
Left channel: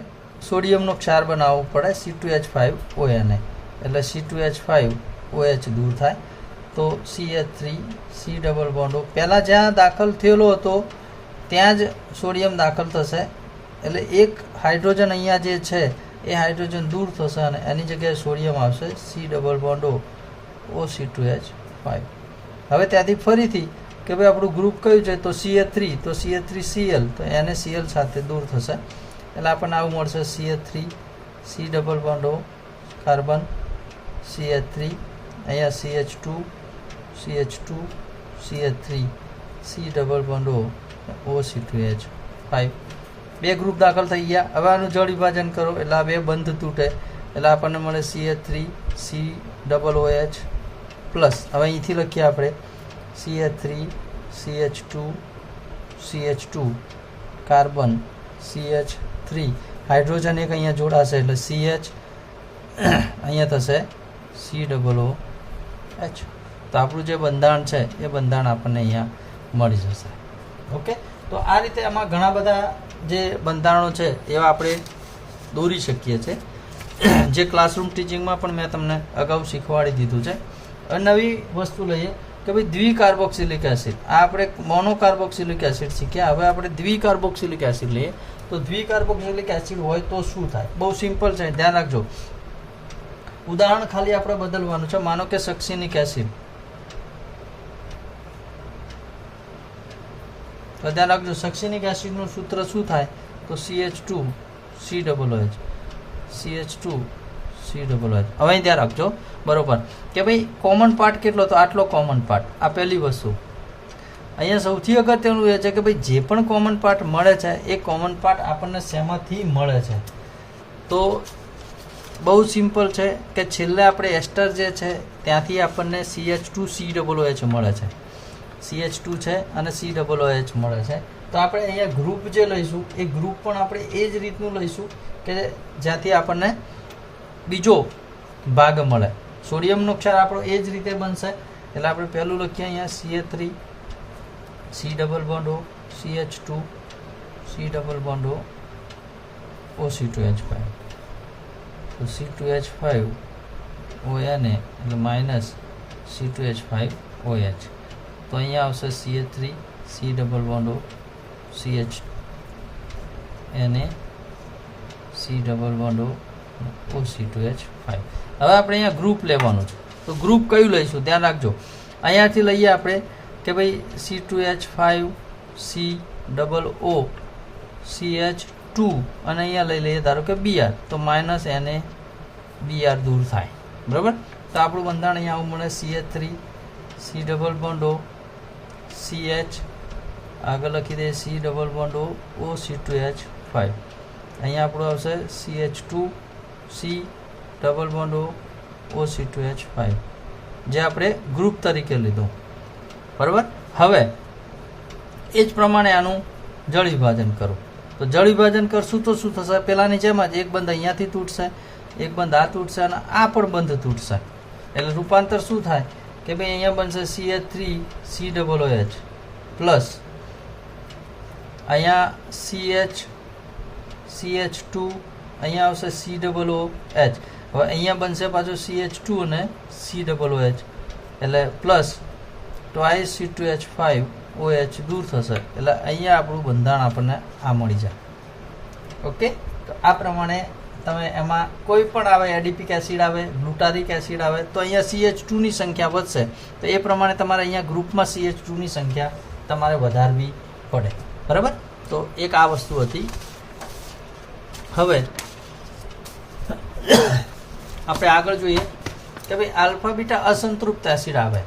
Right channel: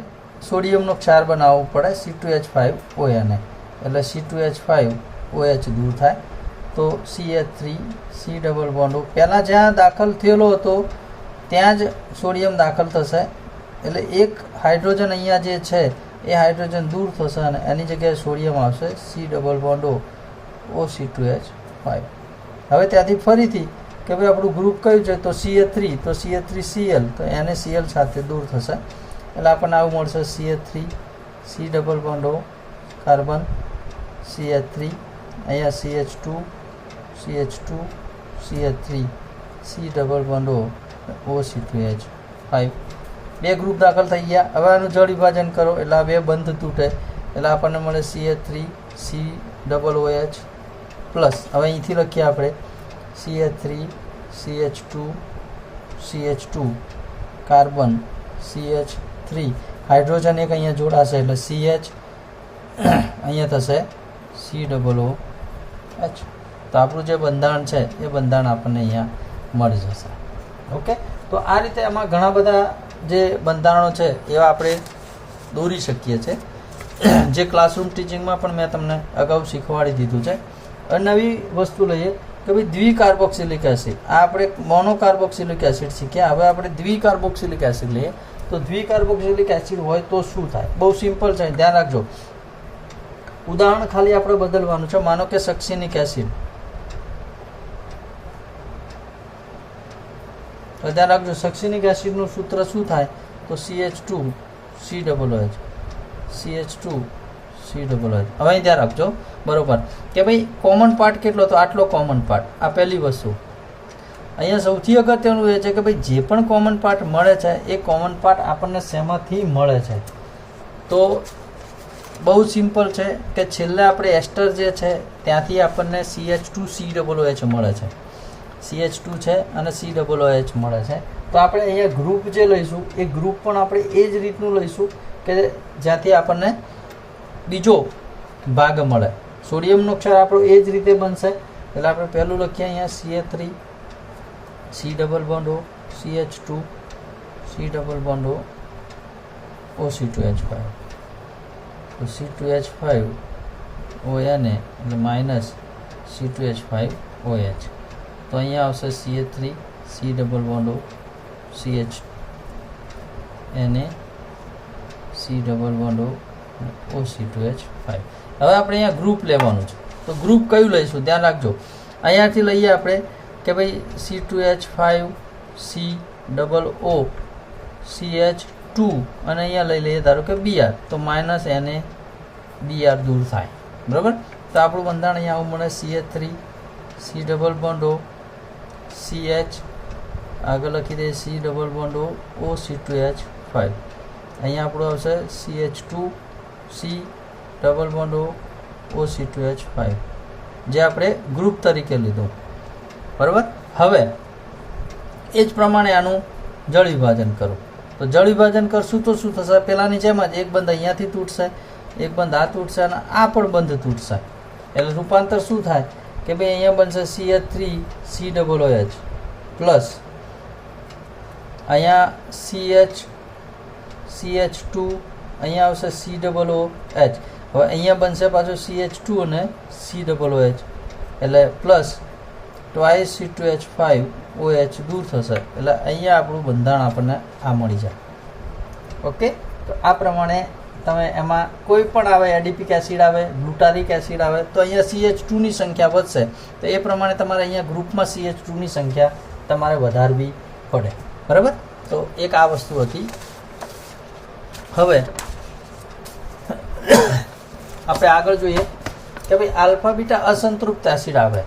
સોડિયમનો ક્ષાર બનાવવો પડે C2H5 ONA. એટલે C2H5OH દૂર થાય તો CH3 C double bond O. પહેલાં જ્યાં દાખલ થયેલો હતો ત્યાં જ સોડિયમ દાખલ થશે. એટલે એક હાઇડ્રોજન અહીંયા જે છે એ હાઇડ્રોજન દૂર થશે અને એની જગ્યાએ સોડિયમ આવશે C double bond O OC2H5. હવે ત્યાંથી ફરીથી કે ભાઈ આપણું ગ્રુપ કયું છે? તો CH3. તો CH3Cl. તો NaCl સાથે દૂર થશે. એટલે આપણને આવું મળશે CH3 C double bond O carbon CH3. અહીંયા CH2 CH2 CH3 C double bond O OC2H5. 2 group દાખલ થઈ ગયા. હવે આનું જળ વિભાજન કરો એટલે આ 2 બંધ તૂટે એટલે આપણને મળે CH3 C double OH plus. હવે અહીંથી લખીએ આપણે CH3 CH2 CH2 carbon CH3. Hydrogen એક અહીંયા જોડાશે એટલે CH. અહીંયા થશે C ડબલ OH. તો આપણું જે બંધારણ છે એ બંધારણ આપણને અહીંયા મળી જશે. ઓકે. તો આ રીતે આમાં ઘણા બધા જે બંધારણો છે એવા આપણે દોરી શકીએ છીએ જે ક્લાસરૂમ ટીચિંગમાં પણ મેં તમને અગાઉ શીખવાડી દીધું છે. અને નવી વસ્તુ લઈએ કે ભાઈ દ્વિકાર્બોક્સિલિક એસિડ. આ આપણે મોનોકાર્બોક્સિલિક એસિડ શીખ્યા. હવે આપણે દ્વિકાર્બોક્સિલિક એસિડ લઈએ. તો દ્વિકાર્બોક્સિલિક એસિડ હોય તો શું થાય? બહુ સિમ્પલ છે, ધ્યાન રાખજો. ઉદાહરણ ખાલી આપણે બદલવાનું છે. માનો કે સક્સિનિક એસિડ. તો ધ્યાન રાખજો સક્સિનિક એસિડનું સૂત્ર શું થાય? તો CH2 C double OH CH2 C double OH. હવે ધ્યાન રાખજો બરોબર કે ભાઈ કોમન પાર્ટ કેટલો? તો આટલો કોમન પાર્ટ. આ પહેલી વસ્તુ. અહીંયા સૌથી અગત્યનું એ છે કે ભાઈ જે પણ કોમન પાર્ટ મળે છે એ કોમન પાર્ટ આપણને શેમાંથી મળે છે? તો બહુ સિમ્પલ છે કે છેલ્લે આપણે એસ્ટર જે છે ત્યાંથી આપણને CH2 C ડબલ OH મળે છે. CH2 છે અને C ડબલ OH મળે છે. તો આપણે અહીંયા ગ્રુપ જે લઈશું એ ગ્રુપ પણ આપણે એ જ રીતનું લઈશું કે જ્યાંથી આપણને બીજો ભાગ મળે. સોડિયમનો ક્ષાર આપણો એ જ રીતે બનશે. એટલે આપણે પહેલું લખીએ અહીંયા CH3 C double bond O CH2 C double bond O OC2H5. તો C2H5 ONA એટલે માઇનસ C2H5OH. તો અહીંયા આવશે CH3 C double bond O CH Na C double bond O OC2H5. હવે આપણે અહીંયા ગ્રુપ લેવાનું છે. તો ગ્રુપ કયું લઈશું? ધ્યાન રાખજો. અહીંયાથી લઈએ આપણે કે ભાઈ C2H5 C double O CH2 અને અહીંયા લઈ લઈએ ધારો કે Br. તો માઇનસ Na Br દૂર થાય બરાબર. તો આપણું બંધારણ અહીંયા આવું મળે CH3 C double bond O CH. આગળ લખી દઈએ C double bond O OC2H5. અહીંયા આપણું આવશે CH2 C double bond O OC2H5 જે આપણે ગ્રુપ તરીકે લીધું બરાબર. હવે એ જ પ્રમાણે આનું જળ વિભાજન કરો. તો જળ વિભાજન કરશું તો શું થશે? પેલાની જેમ જ એક બંધ અહીંયાથી તૂટશે, એક બંધ આ તૂટશે અને આ પણ બંધ તૂટશે. એટલે રૂપાંતર શું થાય કે ભાઈ અહીંયા બનશે CH3COOH પ્લસ અહીંયા CH2 અહીંયા આવશે COOH. હવે અહીંયા બનશે પાછું CH2 અને COOH એટલે પ્લસ ટ્વાઇસ C2H5OH દૂર થશે. એટલે અહીંયા આપણું બંધારણ આપણને આ મળી જાય. ઓકે, તો આ પ્રમાણે તમે એમાં કોઈ પણ આવે, એડિપિક એસિડ આવે, ગ્લુટારિક એસિડ આવે, તો અહીંયા CH2ની સંખ્યા વધશે. તો એ પ્રમાણે તમારે અહીંયા ગ્રુપમાં CH2ની સંખ્યા તમારે વધારવી પડે. બરાબર? તો એક આ વસ્તુ હતી. હવે આપણે આગળ જોઈએ કે ભાઈ આલ્ફા બીટા અસંતૃપ્ત એસિડ આવે.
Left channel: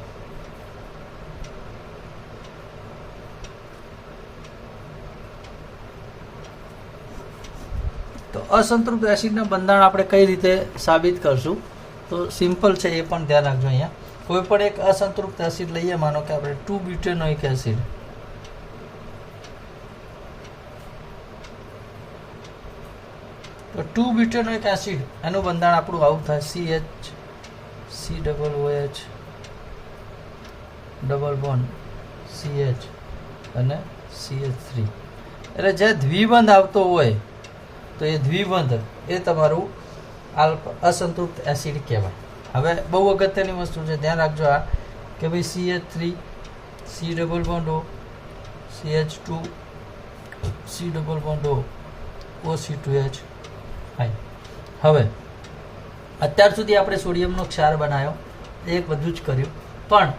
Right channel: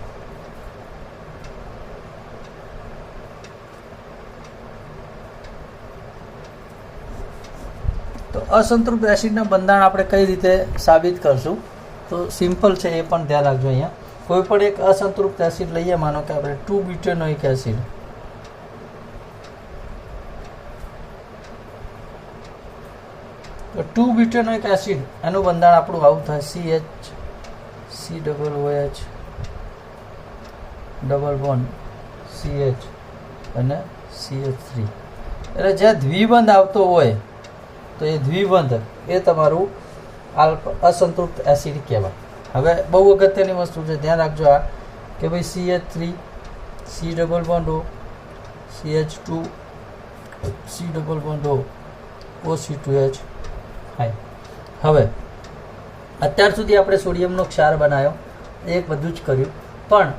તો અસંતૃપ્ત એસિડના બંધારણ આપણે કઈ રીતે સાબિત કરશું? તો સિમ્પલ છે, એ પણ ધ્યાન રાખજો. અહીંયા કોઈ પણ એક અસંતૃપ્ત એસિડ લઈએ, માનો કે આપણે 2-બ્યુટેનોઇક એસિડ. તો 2-બ્યુટેનોઇક એસિડ એનું બંધારણ આપણું આવું થાય CH, ડબલ બોન્ડ CH અને CH3. એટલે જે દ્વિબંધ આવતો હોય તો એ દ્વિબંધ એ તમારું અસંતૃપ્ત એસિડ કહેવાય. હવે બહુ અગત્યની વસ્તુ છે, ધ્યાન રાખજો આ કે ભાઈ CH3 C double bond O, CH2 C double bond O, OC2H. હવે અત્યાર સુધી આપણે સોડિયમનો ક્ષાર બનાવ્યો, એક બધું જ કર્યું, પણ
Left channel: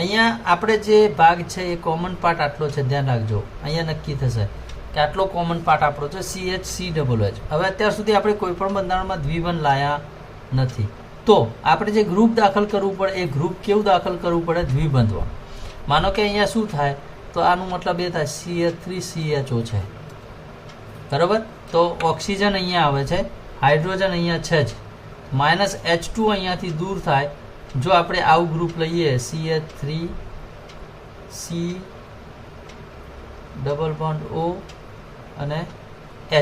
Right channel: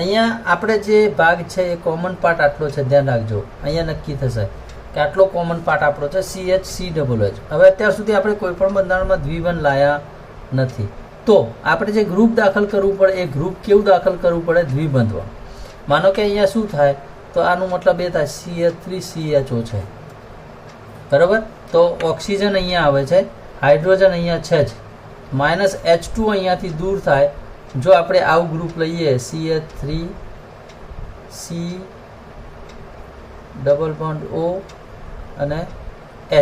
અહીંયા આપણે જે ભાગ છે એ કોમન પાર્ટ આટલો છે. ધ્યાન રાખજો, અહીંયા નક્કી થશે કે આટલો કોમન પાર્ટ આપણો છે CH3OH. હવે અત્યાર સુધી આપણે કોઈ પણ બંધારણમાં દ્વિબંધ લાયા નથી, તો આપણે જે ગ્રુપ દાખલ કરવું પડે એ ગ્રુપ કેવું દાખલ કરવું પડે? દ્વિબંધમાં. માનો કે અહીંયા શું થાય, તો આનો મતલબ એ થાય CH3CHO છે. બરાબર? તો ઓક્સિજન અહીંયા આવે છે, હાઇડ્રોજન અહીંયા છે જ, -H2 અહીંયાથી દૂર થાય. જો આપણે આવું ગ્રુપ લઈએ CH3C ડબલ બોન્ડ O અને H,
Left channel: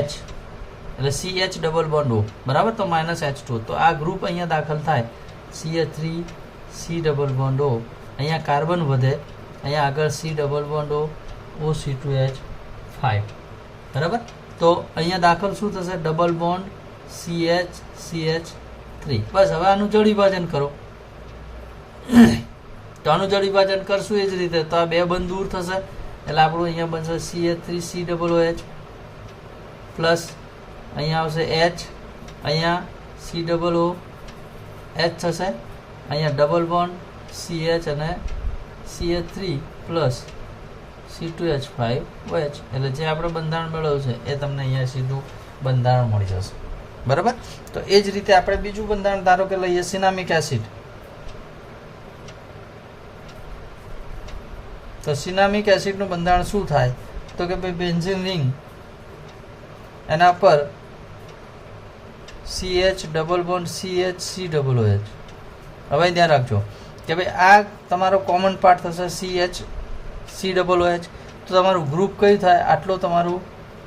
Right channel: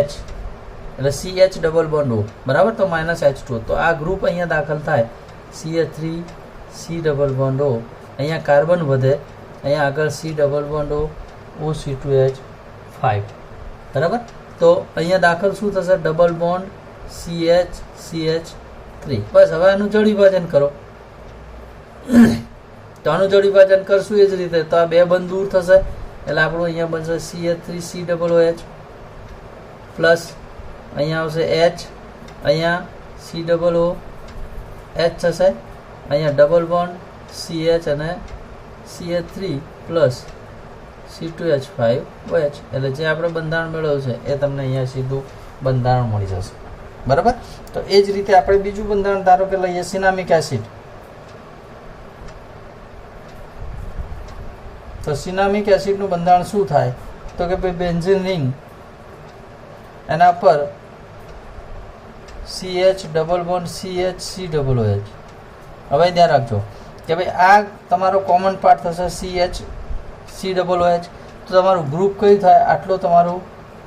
એટલે CH ડબલ બોન્ડ O. બરાબર? તો -H2. તો આ ગ્રુપ અહીંયા દાખલ થાય CH3C ડબલ બોન્ડ O. અહીંયા કાર્બન વધે, અહીંયા આગળ C double bond O, OC2H5. બરાબર? તો અહીંયા દાખલ શું થશે? Double bond CH3. બસ. હવે આનું જળ વિભાજન કરો. તો આનું જળ વિભાજન કરશું એ જ રીતે. તો આ બે બંધ દૂર થશે એટલે આપણું અહીંયા બનશે CH3COOH પ્લસ અહીંયા આવશે H, અહીંયા COOH થશે, અહીંયા ડબલ બોન્ડ CH અને CH3 પ્લસ C2H5OH. એટલે જે આપણે બંધારણ મેળવ્યું છે એ તમને અહીંયા સીધું બંધારણ મળી જશે. બરાબર? તો એ જ રીતે આપણે બીજું બંધારણ ધારો કે લઈએ સિનામિક એસિડ. તો સિનામિક એસિડનું બંધારણ શું થાય? તો કે ભાઈ બેન્ઝીન રિંગ, એના પર CH ડબલ બોન્ડ CH3OH. હવે ધ્યાન રાખજો કે ભાઈ આ તમારો કોમન પાર્ટ થશે CH3OH. તો તમારું ગ્રુપ કયું થાય? આટલું તમારું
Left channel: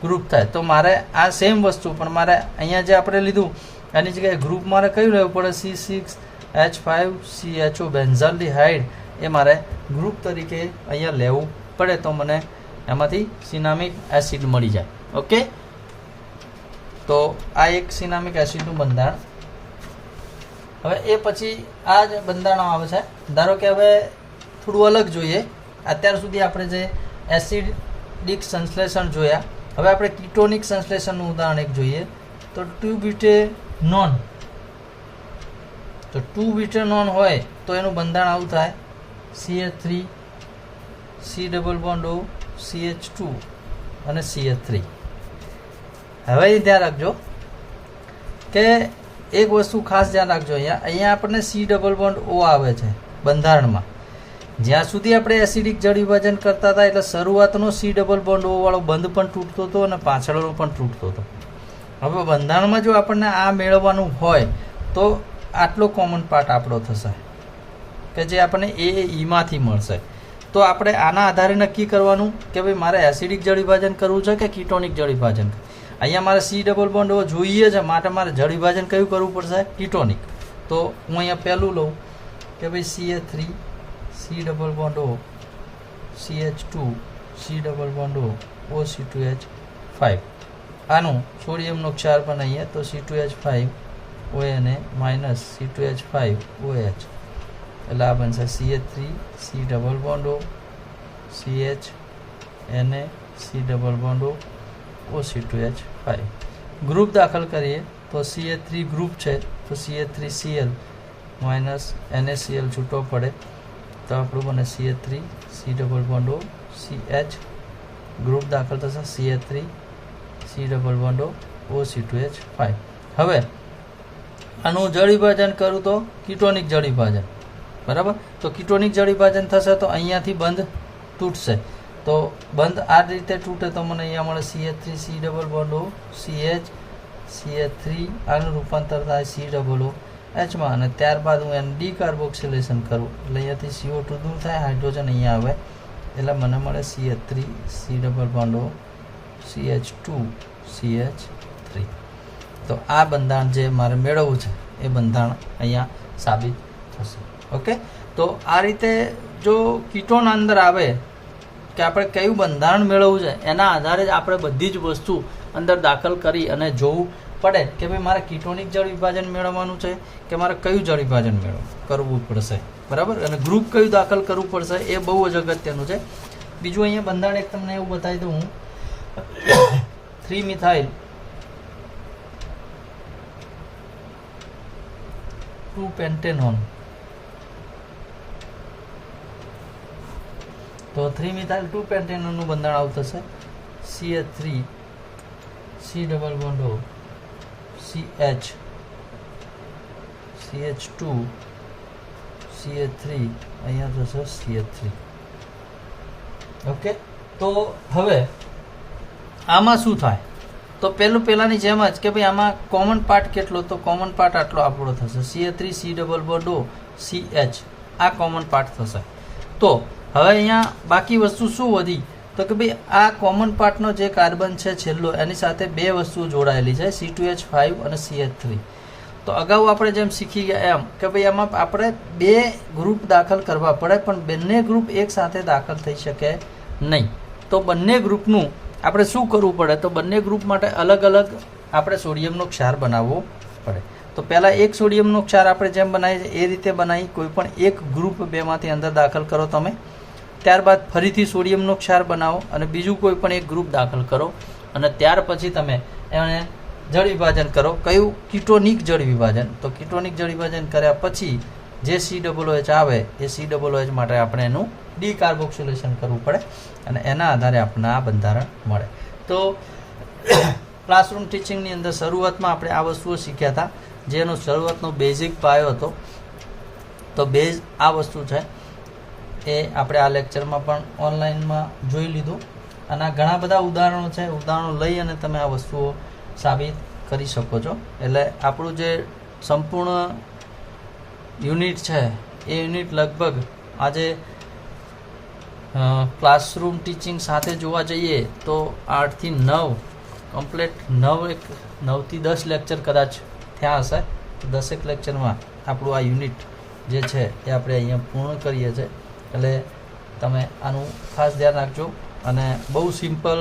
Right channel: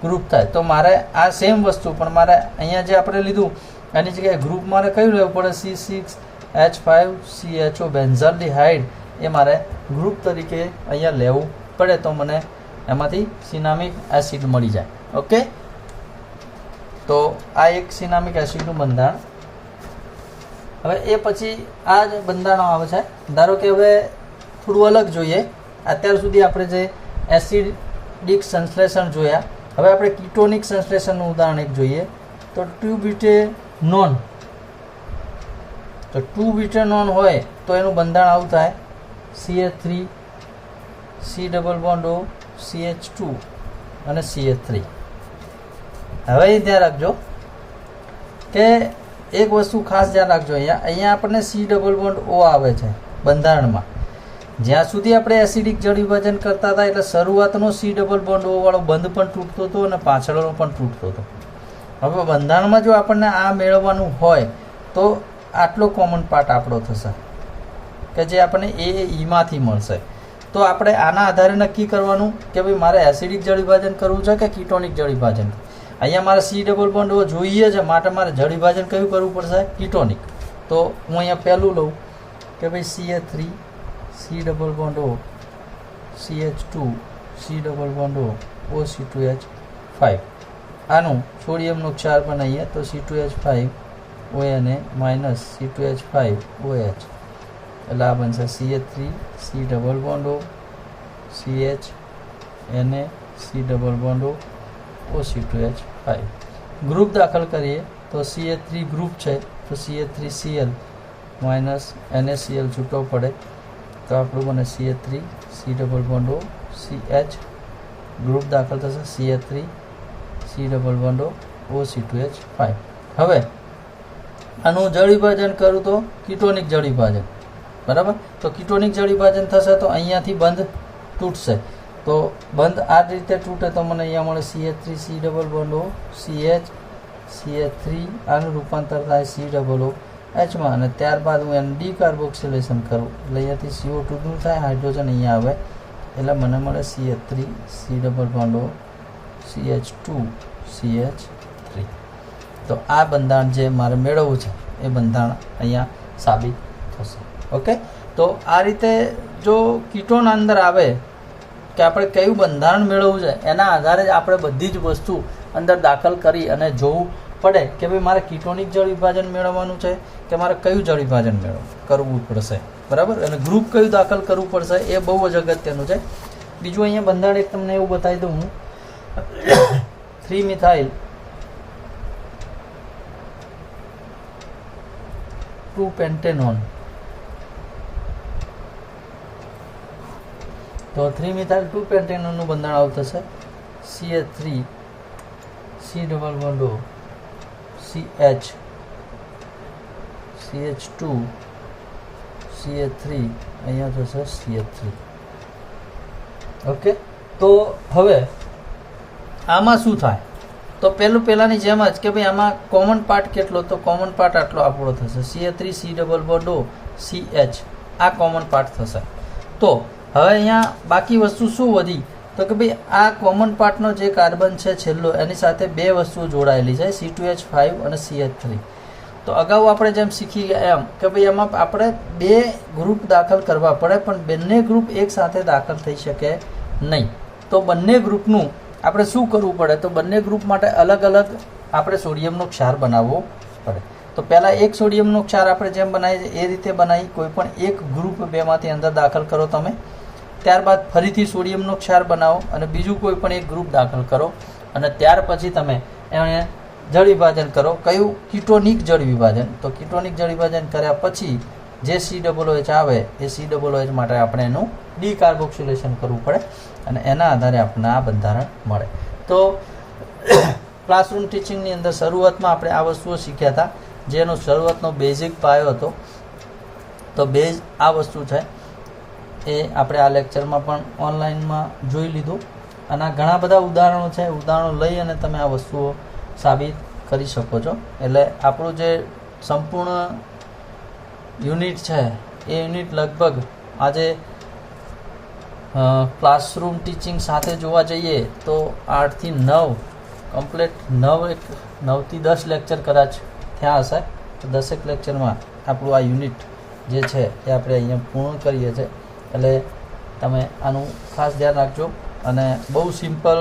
ગ્રુપ થાય. તો મારે આ સેમ વસ્તુ, પણ મારે અહીંયા જે આપણે લીધું એની જગ્યાએ ગ્રુપ મારે કયું લેવું પડે? C6H5CHO benzaldehyde. એ મારે ગ્રુપ તરીકે અહીંયા લેવું પડે, તો મને એમાંથી સિનામિક એસિડ મળી જાય. ઓકે, તો આ એક સિનામિક એસિડનું બંધારણ. હવે એ પછી આ જ બંધારણો આવે છે. ધારો કે હવે થોડું અલગ જોઈએ. અત્યાર સુધી આપણે જે એસિડિક સંશ્લેષણ જોયા, હવે આપણે કીટોનિક સંશ્લેષણનું ઉદાહરણ એક જોઈએ. તો 2-બ્યુટેનોન. તો 2-બ્યુટેનોન હોય તો એનું બંધારણ આવું થાય CH3 C double bond O, CH2 અને CH3. હવે એ ધ્યાન રાખજો કે એક વસ્તુ ખાસ ધ્યાન રાખજો. અહીંયા આપણને C ડબલ બોન્ડ O આવે છે બંધારણમાં. જ્યાં સુધી આપણે એસિડિક જળ વિભાજન કરતા હતા એટલે શરૂઆતનો C ડબલ બોન્ડ O વાળો બંધ પણ તૂટતો હતો અને પાછળનો પણ તૂટતો હતો. હવે બંધારણમાં જો આપણને આ મેળવવાનું હોય તો આટલો કોમન પાર્ટ આપણો થશે કે જે આપણને ઈમાંથી મળશે. તો આપણે આના આધારે નક્કી કરવાનું કે ભાઈ મારે એસિડિક જળ વિભાજન કરવું છે કે કીટોનિક જળ વિભાજન. અહીંયા મારે C ડબલ બોન્ડ જોઈએ છે, માટે મારે જળ વિભાજન કયું કરવું પડશે? કીટોનિક. તો હું અહીંયા પહેલું લઉં કે ભાઈ CH3 C double bond O CH2 C double bond O OC2H5. આનું સોડિયમનો ક્ષાર બનાવીએ તો C2H5 ONA minus C2H5 OH, એટલે આ બનશે CH3 C double bond O CH Na C double bond O OC2H5. Group દાખલ કરીએ તો CH3 ગ્રુપ છે તો CH3Cl માઇનસ NaCl છૂટો પડે તો આપણું બને CH3 C double bond O CH. Group દાખલ થશે CH3 C double bond O OC2H5. હવે આનું જળ વિભાજન કરું તો કીટોનિક જળ વિભાજન, બરાબર. તો કીટોનિક જળ વિભાજન થશે તો અહીંયાથી બંધ તૂટશે. તો બંધ આ રીતે તૂટે તો મને અહીંયા મળે CH3 C double bond O CH CH3, આનું રૂપાંતર થાય C ડબલ O Hમાં, અને ત્યારબાદ હું એને ડીકાર્બોક્સિલેશન કરું એટલે અહીંયાથી CO2 દૂર થાય, હાઇડ્રોજન અહીંયા આવે એટલે મને મળે CH3 C double bond O CH2 CH3. તો આ બંધારણ જે મારે મેળવવું છે એ બંધારણ અહીંયા સાબિત થશે. ઓકે, તો આ રીતે જો કીટોન અંદર આવે કે આપણે કયું બંધારણ મેળવવું છે એના આધારે જ આપણે બધી જ વસ્તુ અંદર દાખલ કરી અને જોવું પડે કે ભાઈ મારે કીટોનિક જળ વિભાજન મેળવવાનું છે કે મારે કયું જળ વિભાજન કરવું પડશે, બરાબર. અને ગ્રુપ કયું દાખલ કરવું પડશે એ બહુ જ અગત્યનું છે. બીજું અહીંયા બંધારણ એક તમને એવું બતાવી દઉં હું 3-મિથાઇલ 2-પેન્ટેનોન. તો 3-મિથાઇલ 2-પેન્ટેનોન નું બંધારણ આવું થશે CH3 C double bond O CH CH2 CH3, અહીંયા થશે CH3. ઓકે, તો હવે આમાં શું થાય તો પહેલાની જેમ જ કે ભાઈ આમાં કોમન પાર્ટ કેટલો, તો કોમન પાર્ટ આટલો આપણો થશે CH3 C double bond O CH, આ કોમન પાર્ટ થશે. તો હવે અહીંયા બાકી વસ્તુ શું વધી તો કે ભાઈ આ કોમન પાર્ટનો જે કાર્બન છે છેલ્લો એની સાથે બે વસ્તુઓ જોડાયેલી છે C2H5 અને CH3. તો અગાઉ આપણે જેમ શીખી ગયા એમ કે ભાઈ આમાં આપણે બે ગ્રુપ દાખલ કરવા પડે પણ બંને ગ્રુપ એક સાથે દાખલ થઈ શકે નહીં. તો બંને ગ્રુપનું આપણે શું કરવું પડે તો બંને ગ્રુપ માટે અલગ અલગ આપણે સોડિયમનો ક્ષાર બનાવવો પડે. તો પહેલાં એક સોડિયમનો ક્ષાર આપણે જેમ બનાવીએ એ રીતે બનાવી કોઈ પણ એક ગ્રુપ બેમાંથી અંદર દાખલ કરો તમે, ત્યારબાદ ફરીથી સોડિયમનો ક્ષાર બનાવો અને બીજું કોઈ પણ એક ગ્રુપ દાખલ કરો અને ત્યાર પછી તમે એને જળ વિભાજન કરો. કયું? કીટોનિક જળ વિભાજન. તો કીટોનિક જળ વિભાજન કર્યા પછી જે COOH આવે એ COOH માટે આપણે એનું ડીકાર્બોક્સિલેશન કરવું પડે અને એના આધારે આપણને આ બંધારણ મળે. તો ક્લાસરૂમ ટીચિંગની અંદર શરૂઆતમાં આપણે આ વસ્તુઓ શીખ્યા હતા જેનો શરૂઆતનો બેઝિક પાયો હતો. તો બેઝ આ વસ્તુ છે એ આપણે આ લેક્ચરમાં પણ ઓનલાઈનમાં જોઈ લીધું અને ઘણા બધા ઉદાહરણો છે, ઉદાહરણો લઈ અને તમે આ વસ્તુઓ સાબિત કરી શકો છો. એટલે આપણું જે સંપૂર્ણ યુનિટ છે એ યુનિટ લગભગ આજે ક્લાસરૂમ ટીચિંગ સાથે જોવા જઈએ તો 8 થી 9 કમ્પ્લીટ 9 થી 10 લેક્ચર કદાચ થયા હશે. તો 10 લેક્ચરમાં આપણું આ યુનિટ જે છે એ આપણે અહીંયા પૂર્ણ કરીએ છીએ. એટલે તમે આનું ખાસ ધ્યાન રાખજો અને બહુ સિમ્પલ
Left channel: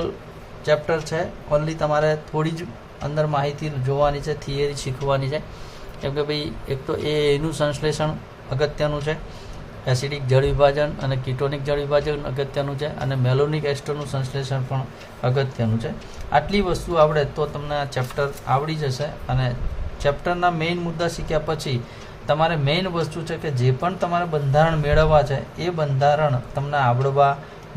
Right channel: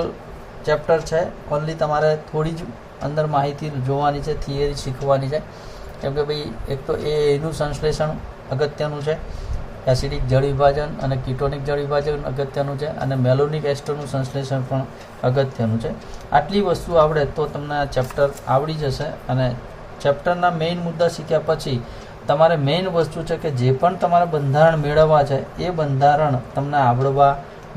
ચેપ્ટર છે. ઓનલી તમારે થોડી જ અંદર માહિતી જોવાની છે, થિયરી શીખવાની છે. કેમ કે ભાઈ એક તો એનું સંશ્લેષણ અગત્યનું છે, એસિડિક જળ વિભાજન અને કીટોનિક જળ વિભાજન અગત્યનું છે અને મેલોનિક એસ્ટરનું સંશ્લેષણ પણ અગત્યનું છે. આટલી વસ્તુ આવડે તો તમને આ ચેપ્ટર આવડી જશે અને ચેપ્ટરના મેઇન મુદ્દા શીખ્યા પછી તમારે મેઇન વસ્તુ છે કે જે પણ તમારે બંધારણ મેળવવા છે એ બંધારણ તમને આવડવા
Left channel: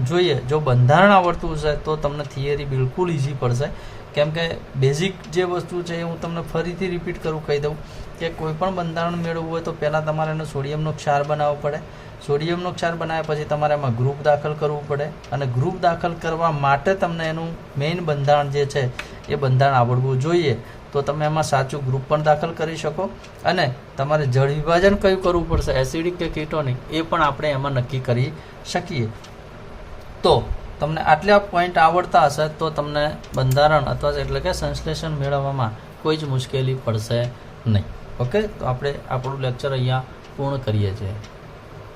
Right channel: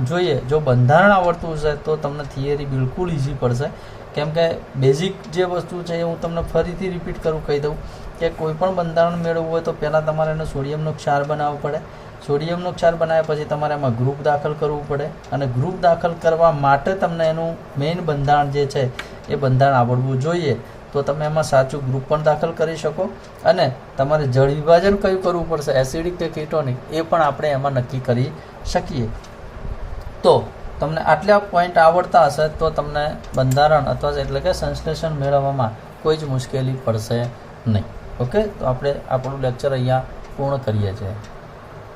જોઈએ. જો બંધારણ આવડતું હશે તો તમને થિયરી બિલકુલ ઇઝી પડશે. કેમ કે બેઝિક જે વસ્તુ છે એ હું તમને ફરીથી રિપીટ કરું કહી દઉં કે કોઈ પણ બંધારણ મેળવવું હોય તો પહેલાં તમારે એને સોડિયમનો ક્ષાર બનાવવો પડે સોડિયમનો ક્ષાર બનાવ્યા પછી તમારે એમાં ગ્રુપ દાખલ કરવું પડે અને ગ્રુપ દાખલ કરવા માટે તમને એનું મેઇન બંધારણ જે છે એ બંધારણ આવડવું જોઈએ. તો તમે એમાં સાચું ગ્રુપ પણ દાખલ કરી શકો અને તમારે જળ વિભાજન કયું કરવું પડશે, એસિડિક કે કીટોનિક, એ પણ આપણે એમાં નક્કી કરી શકીએ. તો તમને આટલા પોઈન્ટ આવડતા હશે તો તમને બંધારણ અથવા એટલે કે સંશ્લેષણ મેળવવામાં કોઈ જ મુશ્કેલી પડશે નહીં. ઓકે, તો આપણે આપણું લેક્ચર અહીંયા પૂર્ણ કરીએ છીએ.